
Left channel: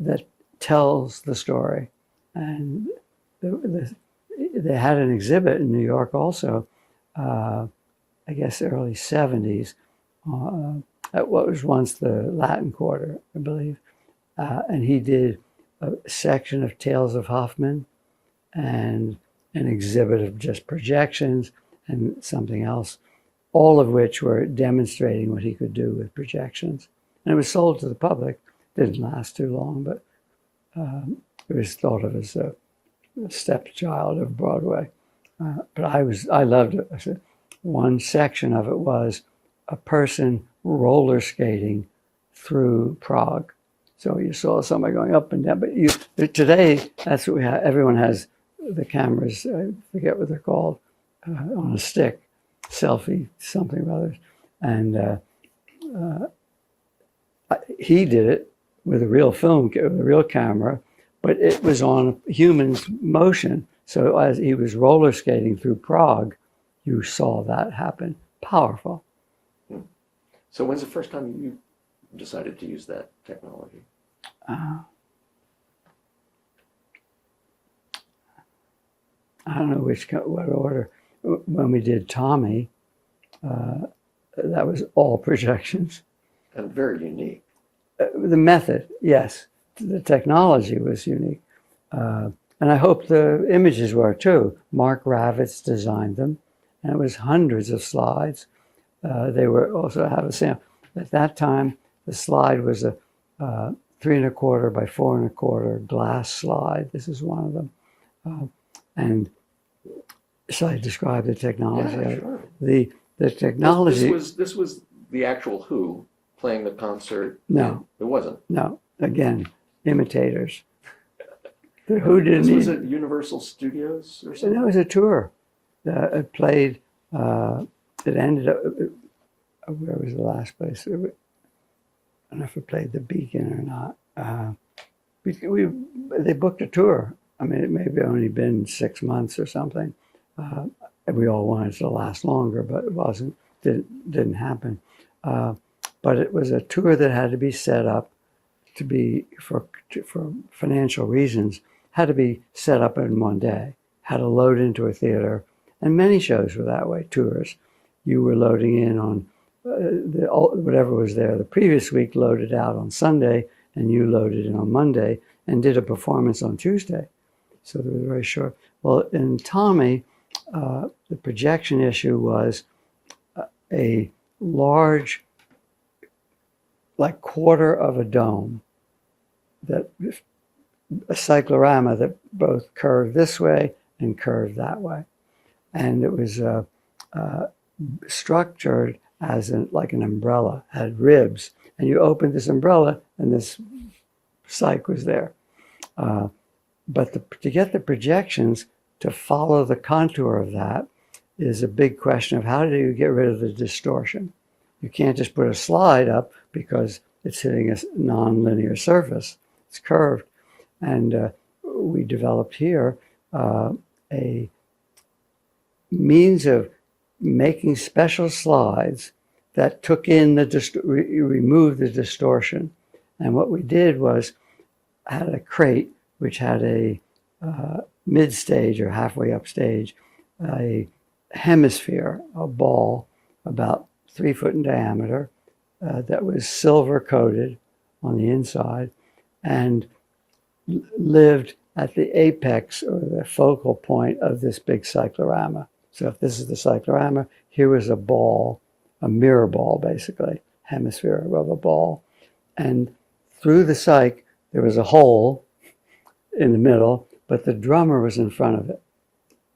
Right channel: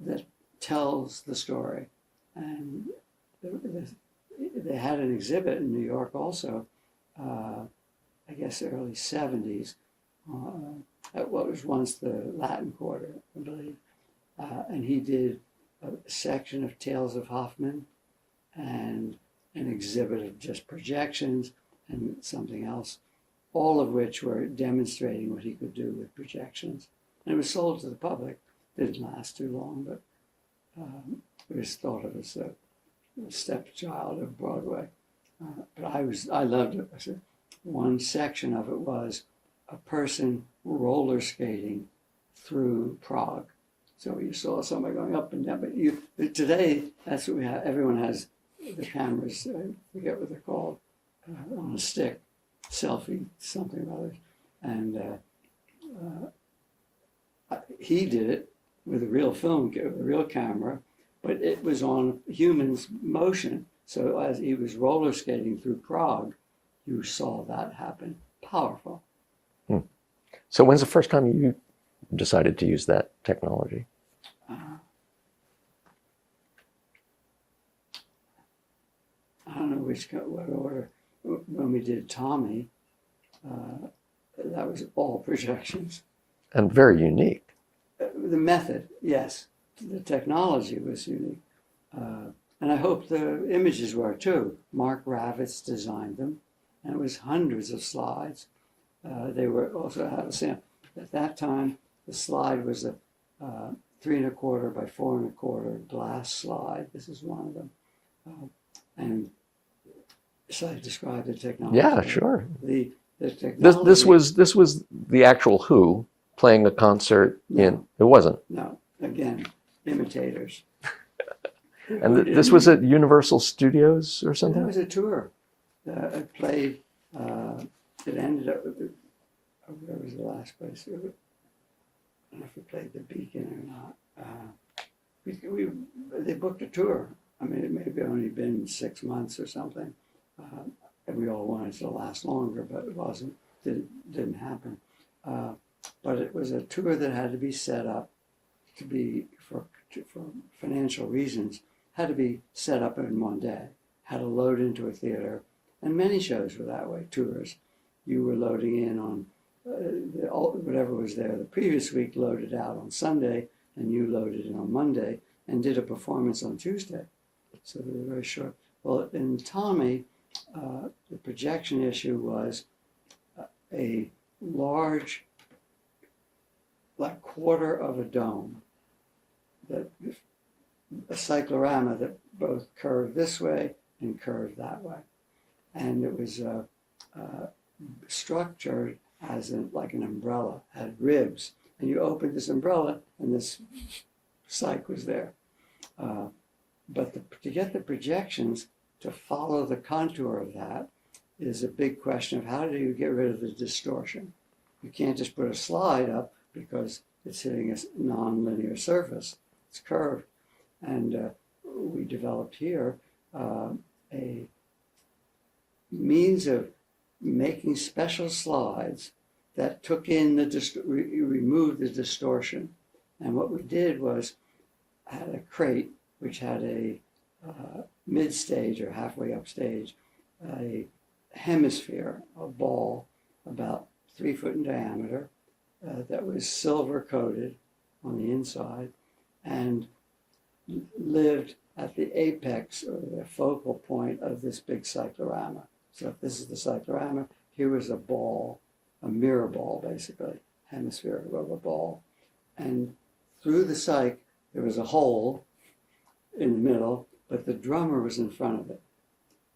that tells the story. And they had an exhibit in New York also, I guess early 70s, at what was once the Latin Quarter, I believe. And he did a section of Tales of Hoffman and an exhibit of just projections and something else, all of which were demonstrating what he could do with projections. And it was sold to the public. Didn't last too long, but it was thought of as a stepchild of Broadway. But I loved it. I said, one section of it was a person roller skating through Prague. So you saw somebody going up and down. But today, that's what we have. Everyone has the cameras, I forget what they're called, on a stick, selfie, something or other. And he did it with a real film, with a real camera, but it was on human's motion. So as he was roller skating through Prague, you saw that happen. Powerful. So when's the first time you decided to use that technology? I don't know what order. When we did Tommy, that was all projections. And very unique. The method, yes. The technology was unique. And I hope the images were too. Mark Ravitz designed them, and it was hundreds of slides. They were also have a sample. At that time, the slide was a 3¼ by 4¼ glass slide. This is one of them. And shall I describe the technology? Yeah, sure. The technology. This was the actual Who playing a concert. No, it wasn't. No, again, imitators. This was at Universal Studios or something? That was a tour. It played, it ended up, where was the last place? I don't know if it played the Beacon or not. They booked a tour. I mean, it may have only been 6 months or something. And we all wanted it to last longer, but it wasn't, didn't happen. But it was a tour that had to be set up to be, for financial reasons, had to be set up in one day, had to load into a theater. And many shows were that way, tours. You were loading in on whatever was there the previous week, loaded out on Sunday, and you loaded in on Monday and did a performance on Tuesday. So they were very short. Well, in Tommy, the projection issue was a large, like quarter of a dome, that a cyclorama that both curved this way and curved that way. And it was structured as like an umbrella, had ribs. And you opened this umbrella and this cyc was there. But to get the projections to follow the contour of that is a big question of how do you get rid of the distortion? You can't just put a slide up because it's hitting a non-linear surface. It's curved. And we developed here a means of making special slides that took in removed the distortion. And what we did was had a crate which had a mid-stage or halfway up stage, a hemisphere, a ball about 3 foot in diameter that was silver coated on the inside and lived at the apex or the focal point of this big cyclorama. So if this is the cyclorama, here was a ball, a mirror ball basically, hemisphere of a ball. And through the cyc, there was a hole in the middle, but the drummer was in front of it.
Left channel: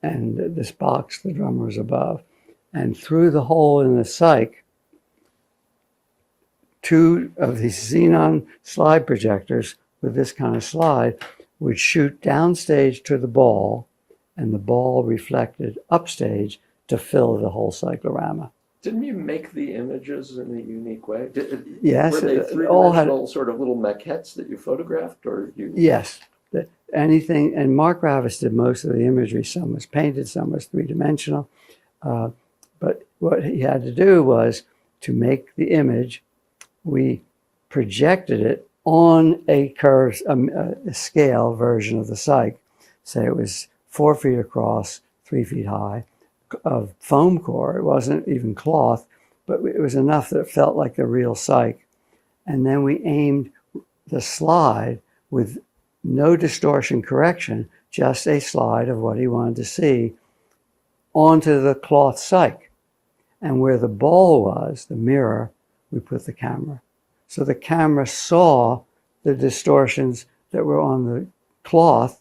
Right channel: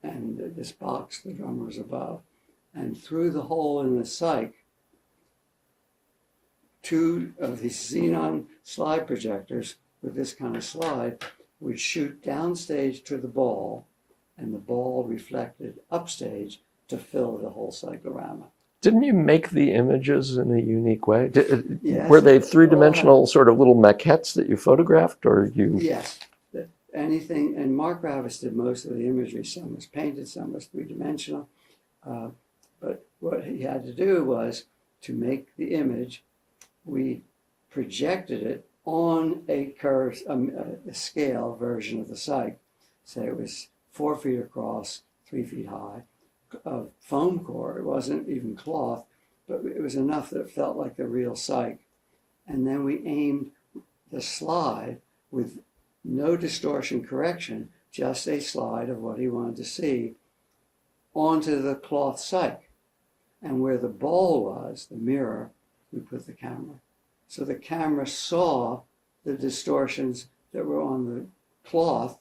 And this box, the drummer was above. And through the hole in the cyc, 2 of these xenon slide projectors with this kind of slide would shoot downstage to the ball, and the ball reflected upstage to fill the whole cyclorama. Didn't you make the images in a unique way? Yes. Were they three-dimensional sort of little maquettes that you photographed, or you? Yes. anything, and Mark Ravis did most of the imagery. Some was painted, some was three-dimensional. But what he had to do was to make the image, we projected it on a curve, a scale version of the cyc. Say it was 4 feet across, 3 feet high, of foam core. It wasn't even cloth, but it was enough that it felt like the real cyc. And then we aimed the slide with no distortion correction, just a slide of what he wanted to see onto the cloth cyc. And where the ball was, the mirror, we put the camera. So the camera saw the distortions that were on the cloth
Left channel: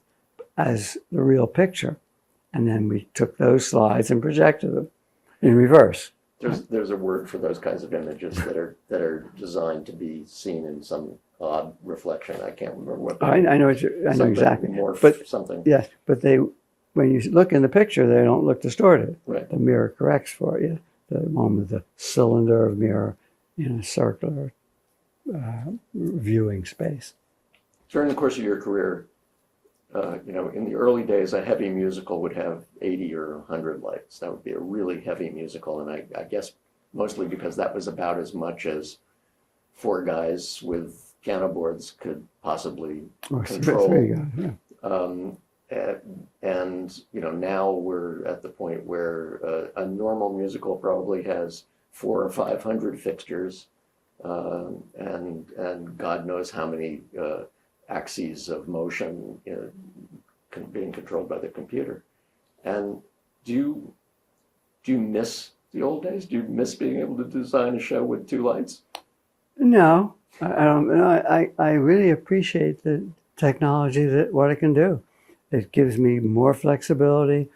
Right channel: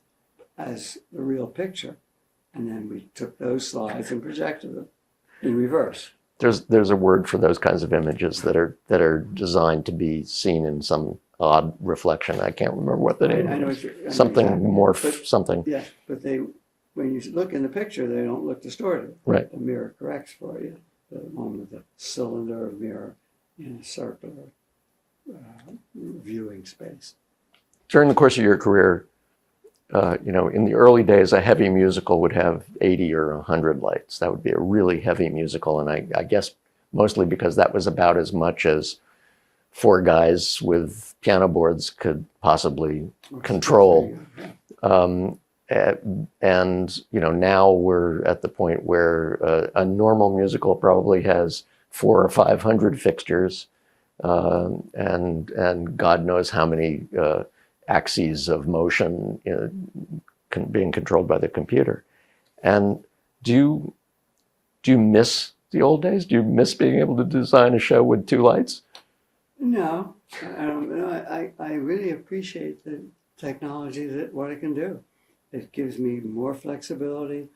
as the real picture. And then we took those slides and projected them in reverse. There's a word for those kinds of images that are designed to be seen in some odd reflection. I can't remember what that is. I know something exactly. morph, But, something. Yes, but when you look in the picture, they don't look distorted. Right. The mirror corrects for you. The one with the cylinder of mirror in a circular viewing space. During the course of your career, in the early days, a heavy musical would have 80 or 100 lights. That would be a really heavy musical, and I guess mostly because that was about as much as 4 guys with piano boards could possibly control. And now we're at the point where a normal musical probably has 400 or 500 fixtures, and God knows how many axes of motion being controlled by the computer. And do you miss the old days? Do you miss being able to design a show with 2 lights? No, I don't. I really appreciate the technology, that what it can do. It gives me more flexibility.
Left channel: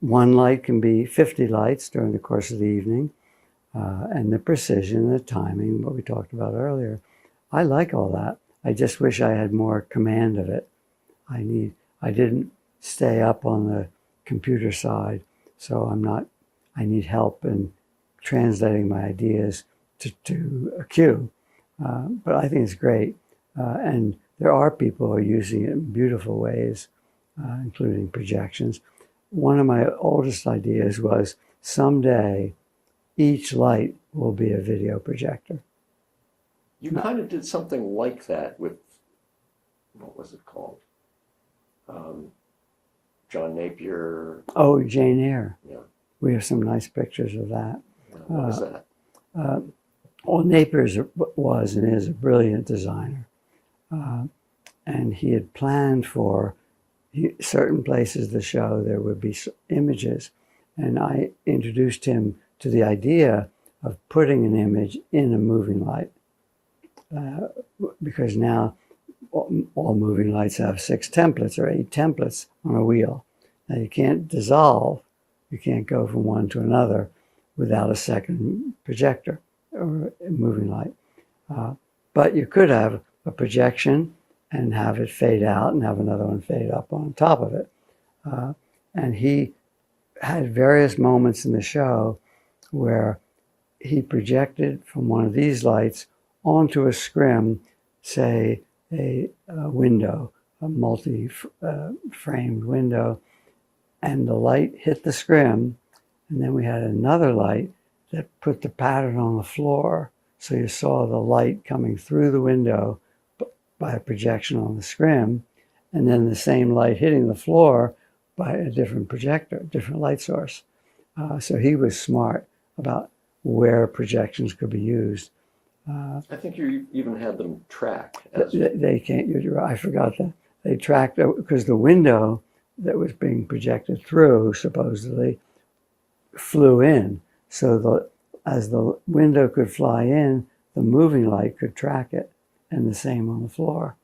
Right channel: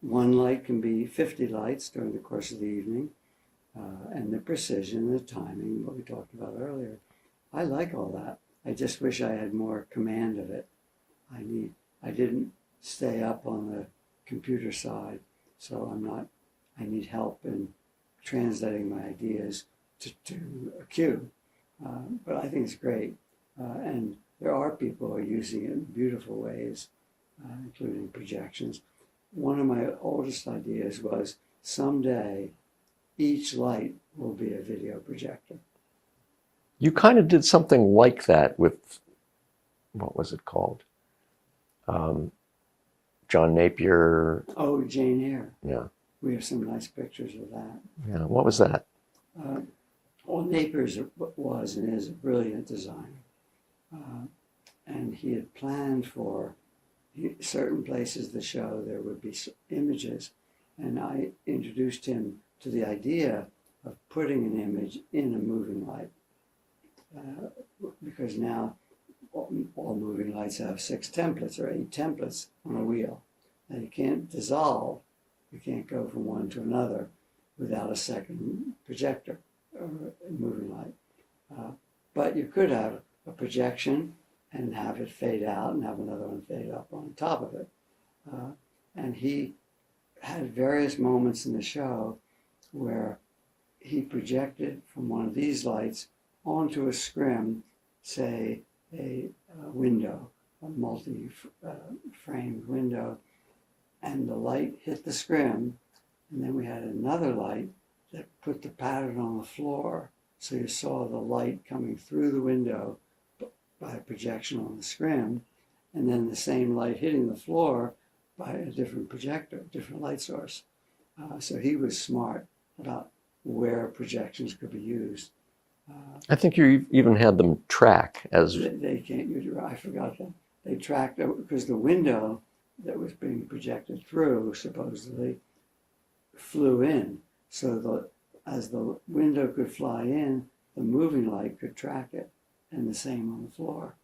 One light can be 50 lights during the course of the evening, and the precision, the timing, what we talked about earlier. I like all that. I just wish I had more command of it. I didn't stay up on the computer side, so I need help in translating my ideas to a cue. But I think it's great. And there are people who are using it in beautiful ways, including projections. One of my oldest ideas was someday each light will be a video projector. You kind of did something like that with, what was it called? John Napier. Oh, Jane Eyre. Yeah. We have some nice pictures of that. Yeah. What was that? Well, Napier was and is a brilliant designer. And he had planned for certain places of the show there would be images. And I introduced him to the idea of putting an image in a moving light. Because now all moving lights have 6 templates or 8 templates on a wheel. Now you can't dissolve, you can't go from one to another without a second projector or a moving light. But you could have a projection and have it fade out and have another one fade up on top of it. And he had various moments in the show where he projected from one of these lights onto a scrim, say a window, a multi-framed window, and the light hit the scrim, and then we had another light that put the pattern on the floor, so you saw the light coming through the window by a projection on the scrim, and then the same light hitting the floor by a different projector, different light source. So he was smart about where projections could be used. I think you even had them track as... They can't, I forgot that. They tracked, because the window that was being projected through supposedly flew in. So as the window could fly in, the moving light could track it, and the same on the floor.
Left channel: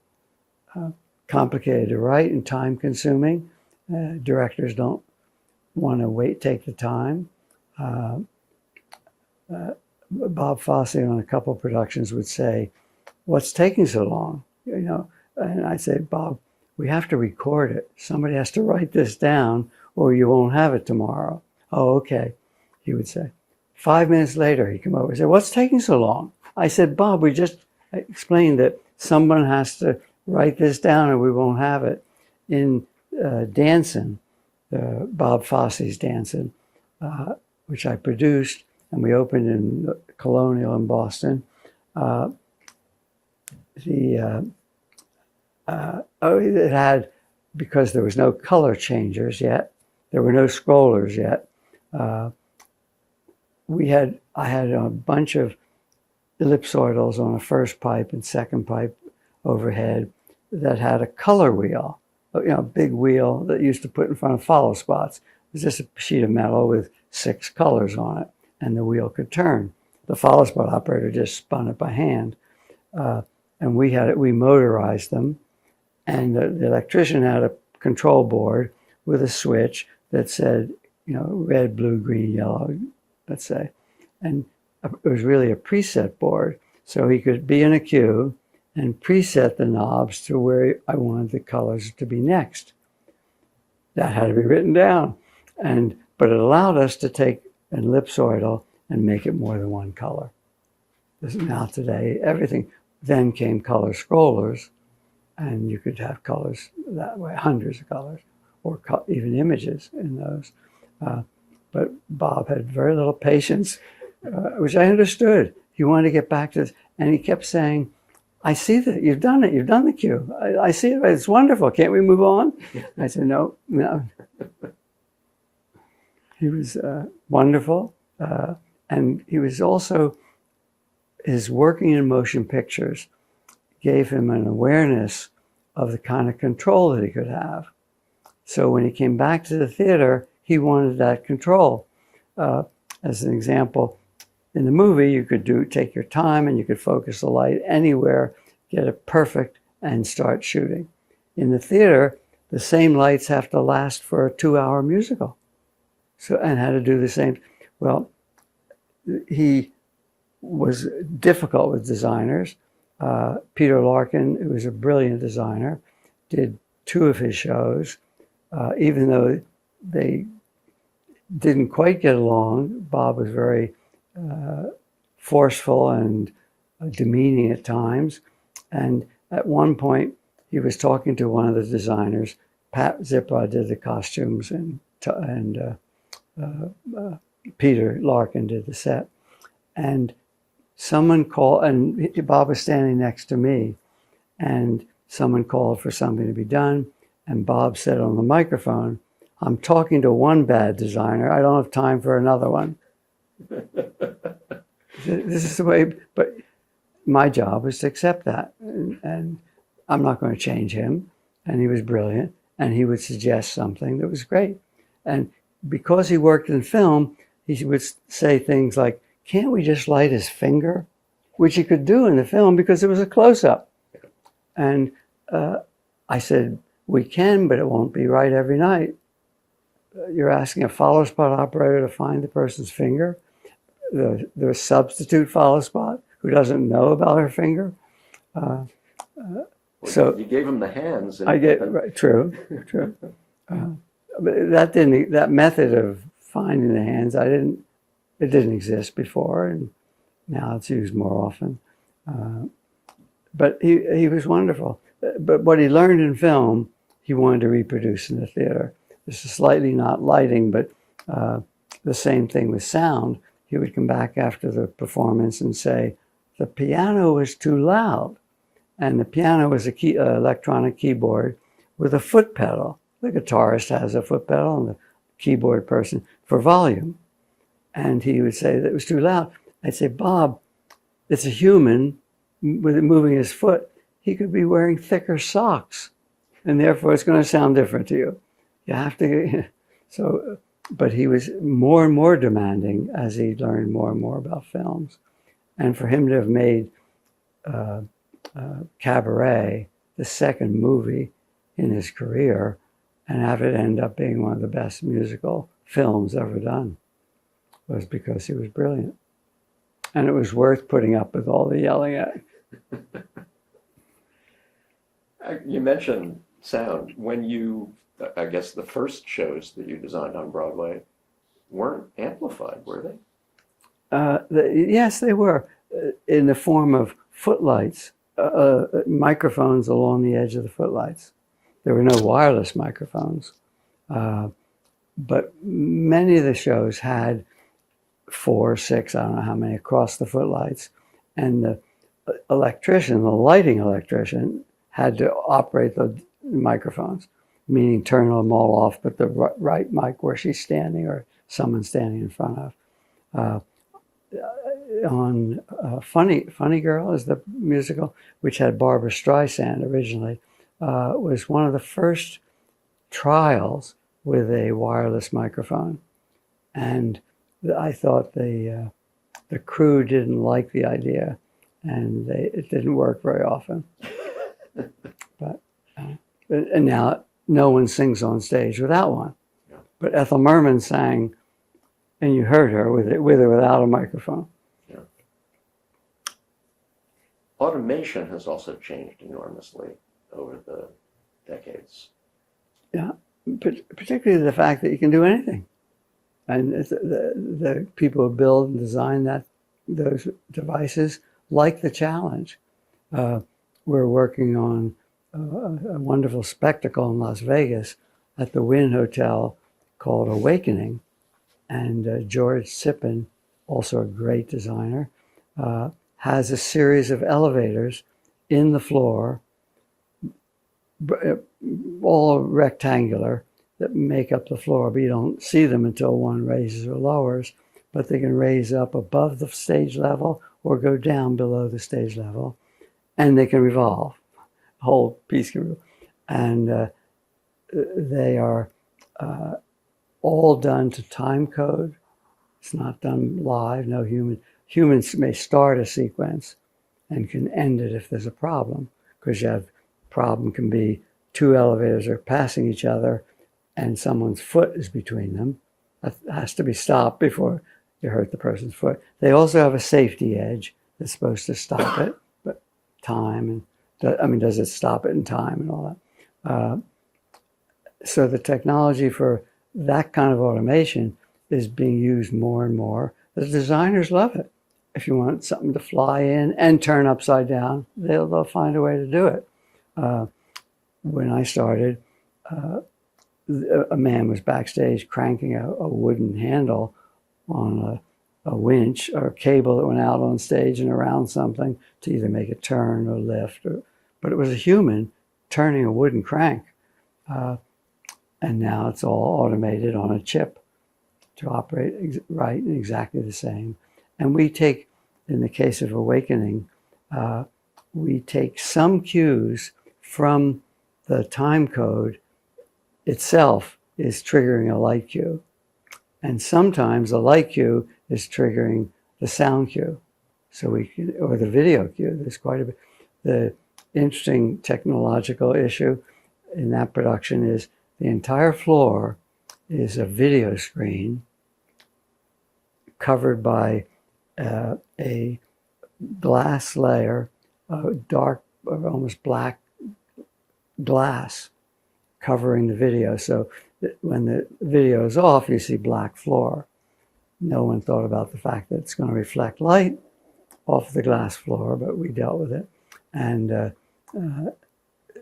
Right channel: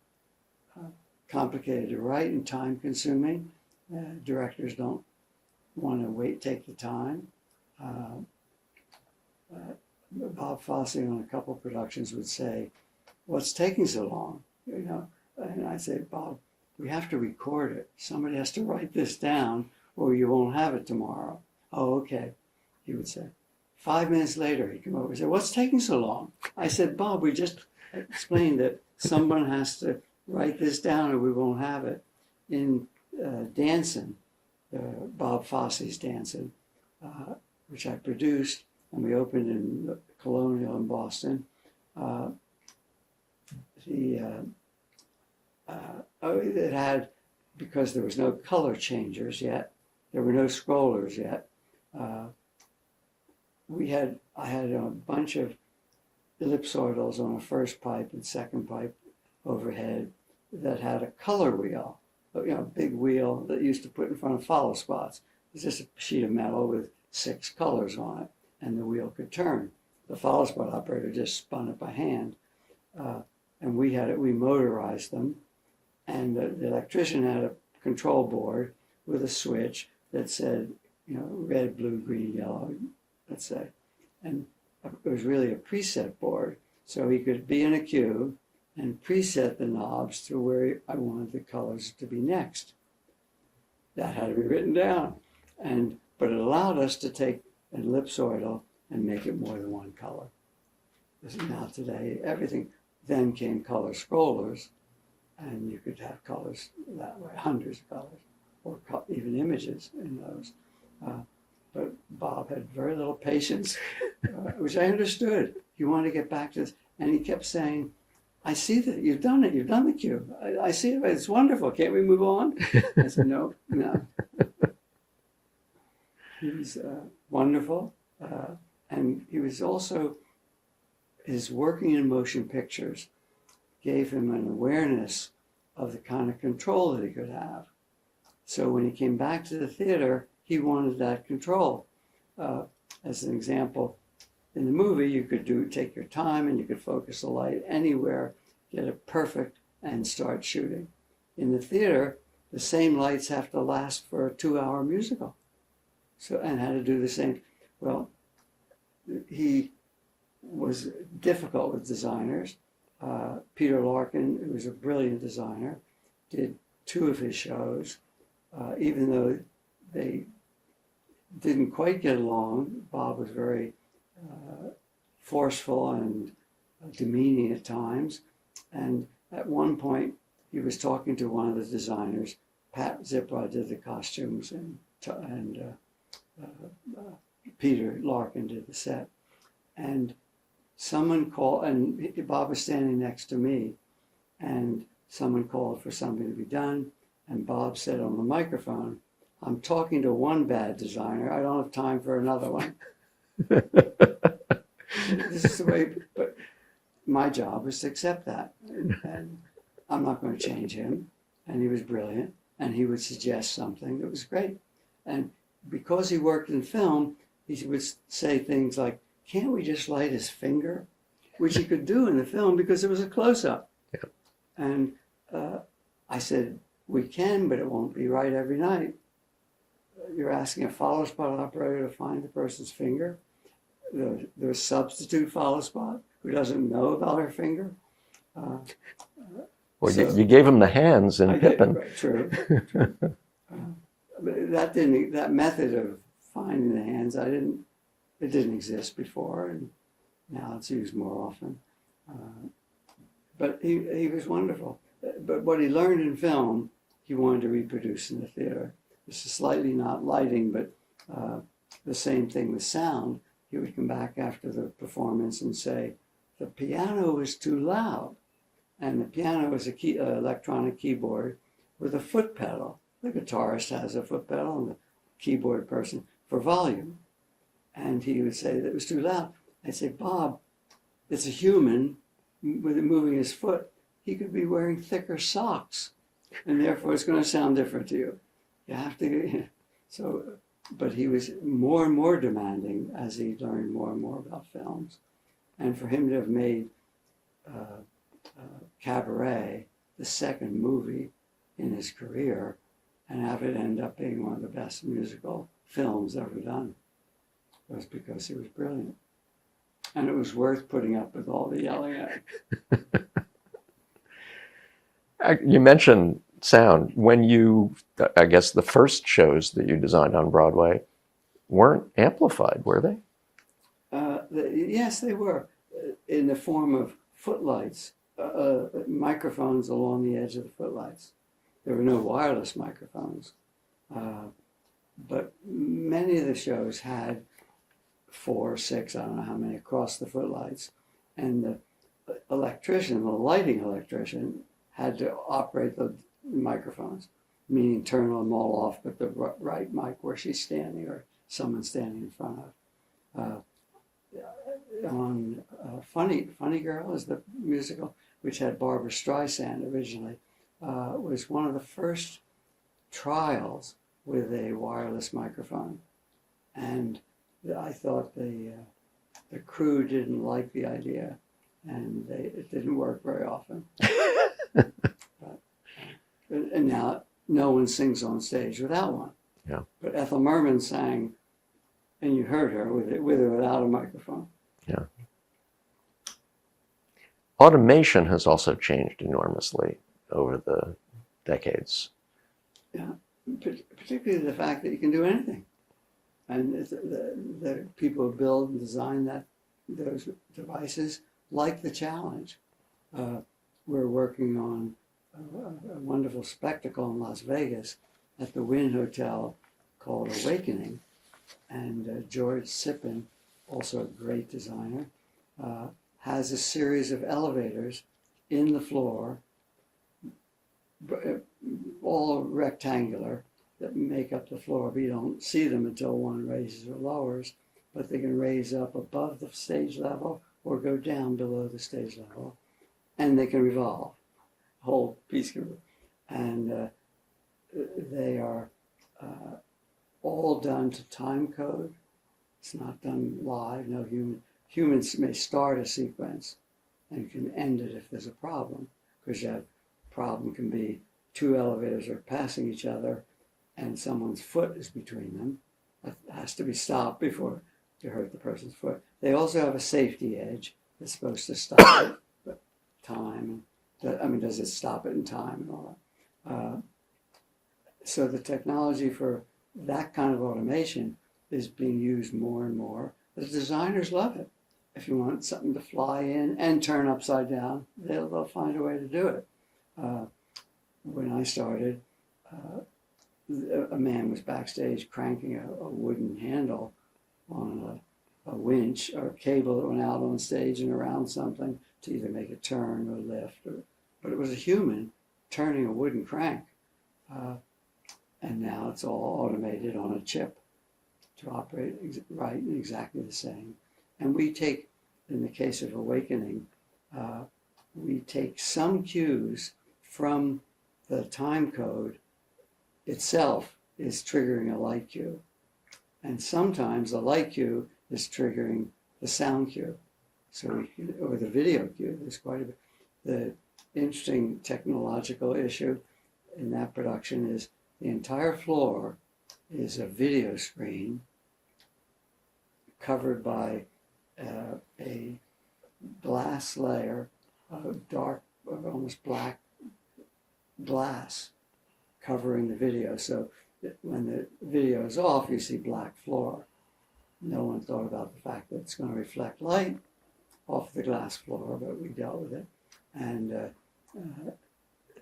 Complicated to write and time consuming. Directors don't want to take the time. Bob Fosse on a couple of productions would say, "What's taking so long?" And I'd say, "Bob, we have to record it. Somebody has to write this down or you won't have it tomorrow." "Oh, okay," he would say. 5 minutes later, he'd come over and say, "What's taking so long?" I said, "Bob, we just explained that someone has to write this down or we won't have it. In Dancing, Bob Fosse's Dancing, which I produced, and we opened in Colonial in Boston. It had, because there was no color changers yet, there were no scrollers yet. I had a bunch of ellipsoidals on a first pipe and second pipe overhead that had a color wheel, a big wheel that used to put in front of follow spots. It was just a sheet of metal with 6 colors on it, and the wheel could turn. The follow spot operator just spun it by hand, and we motorized them. And the electrician had a control board with a switch that said, red, blue, green, yellow, let's say. And it was really a preset board. So he could be in a queue and preset the knobs to where I wanted the colors to be next. That had to be written down. But it allowed us to take an ellipsoidal and make it more than one color. Now today, everything, then came color scrollers, and you could have colors that way, hundreds of colors, or even images in those. But Bob had very little patience, which I understood. He wanted to get back to this, and he kept saying, I see that you've done it. You've done the cue. I see it. It's wonderful. Can't we move on? I said, no. He was wonderful. And he was also, his working in motion pictures gave him an awareness of the kind of control that he could have. So when he came back to the theater, he wanted that control. As an example, in the movie, you could take your time and you could focus the light anywhere, get it perfect, and start shooting. In the theater, the same lights have to last for a 2-hour musical. And had to do the same. Well, he was difficult with designers. Peter Larkin, who was a brilliant designer, did 2 of his shows. Even though they didn't quite get along, Bob was very forceful and demeaning at times. And at one point, he was talking to one of the designers. Pat Zippra did the costumes, and Peter Larkin did the set. And someone called, and Bob was standing next to me, and someone called for something to be done. And Bob said on the microphone, I'm talking to one bad designer. I don't have time for another one. This is the way, but my job was to accept that. And I'm not going to change him. And he was brilliant. And he would suggest something that was great. And because he worked in film, he would say things like, can't we just light his finger? Which he could do in the film because it was a close-up. Yeah. And I said, we can, but it won't be right every night. You're asking a follow spot operator to find the person's finger, the substitute follow spot who doesn't know about her finger. So you gave him the hands and right, true. But that method of finding the hands, it didn't exist before, and now it's used more often. But he was wonderful. But what he learned in film, he wanted to reproduce in the theater. This is slightly not lighting, but the same thing with sound. He would come back after the performance and say, the piano was too loud. And the piano was an electronic keyboard with a foot pedal. The guitarist has a foot pedal and the keyboard person for volume. And he would say that it was too loud. I'd say, Bob, it's a human with it moving his foot. He could be wearing thicker socks, and therefore it's going to sound different to you. You have to, but he was more and more demanding as he learned more and more about films. And for him to have made Cabaret, the second movie in his career, and have it end up being one of the best musical films ever done, was because he was brilliant. And it was worth putting up with all the yelling at. You mentioned sound. When I guess the first shows that you designed on Broadway weren't amplified, were they? Yes, they were, in the form of footlights microphones along the edge of the footlights. There were no wireless microphones, but many of the shows had 4 or 6, I don't know how many, across the footlights. And the electrician, the lighting electrician, had to operate the microphones, meaning turn them all off, but the right mic where she's standing or someone's standing in front of. On Funny Girl is the musical, which had Barbara Streisand originally, was one of the first trials with a wireless microphone. And I thought the crew didn't like the idea, and it didn't work very often. And now no one sings on stage without one. Yeah. But Ethel Merman sang, and you heard her with or without a microphone. Yeah. Automation has also changed enormously over the decades. Yeah, particularly the fact that you can do anything. And the people who build and design those devices like the challenge. We're working on a wonderful spectacle in Las Vegas at the Wynn Hotel called Awakening. And George Sippen, also a great designer, has a series of elevators in the floor, all rectangular, that make up the floor, but you don't see them until one raises or lowers, but they can raise up above the stage level or go down below the stage level, and they can revolve. The whole piece can revolve. And they are all done to time code. It's not done live. No humans may start a sequence and can end it if there's a problem, because you have problem can be 2 elevators are passing each other and someone's foot is between them. That has to be stopped before you hurt the person's foot. They also have a safety edge that's supposed to stop it, but time and does it stop it in time and all that. So the technology for that kind of automation is being used more and more. The designers love it. If you want something to fly in and turn upside down, they'll find a way to do it. When I started, a man was backstage cranking a wooden handle on a winch or a cable that went out on stage and around something to either make it turn or lift. But it was a human turning a wooden crank. And now it's all automated on a chip to operate right and exactly the same. And we take, in the case of Awakening, we take some cues from the time code itself is triggering a light cue. And sometimes the light cue is triggering the sound cue. So or the video cue. There's quite a bit. The interesting technological issue in that production is the entire floor is a video screen covered by a glass layer, dark, almost black glass covering the video. So when the video is off, you see black floor. No one thought about the fact that it's going to reflect light off the glass floor, but we dealt with it. And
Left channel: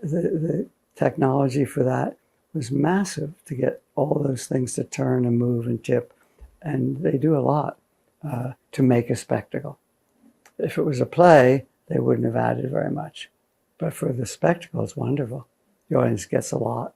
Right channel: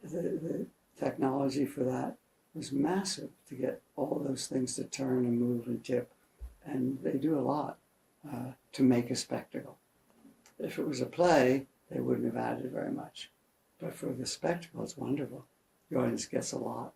the technology for that was massive to get all those things to turn and move and tip. And they do a lot to make a spectacle. If it was a play, they wouldn't have added very much. But for the spectacle, it's wonderful. The audience gets a lot.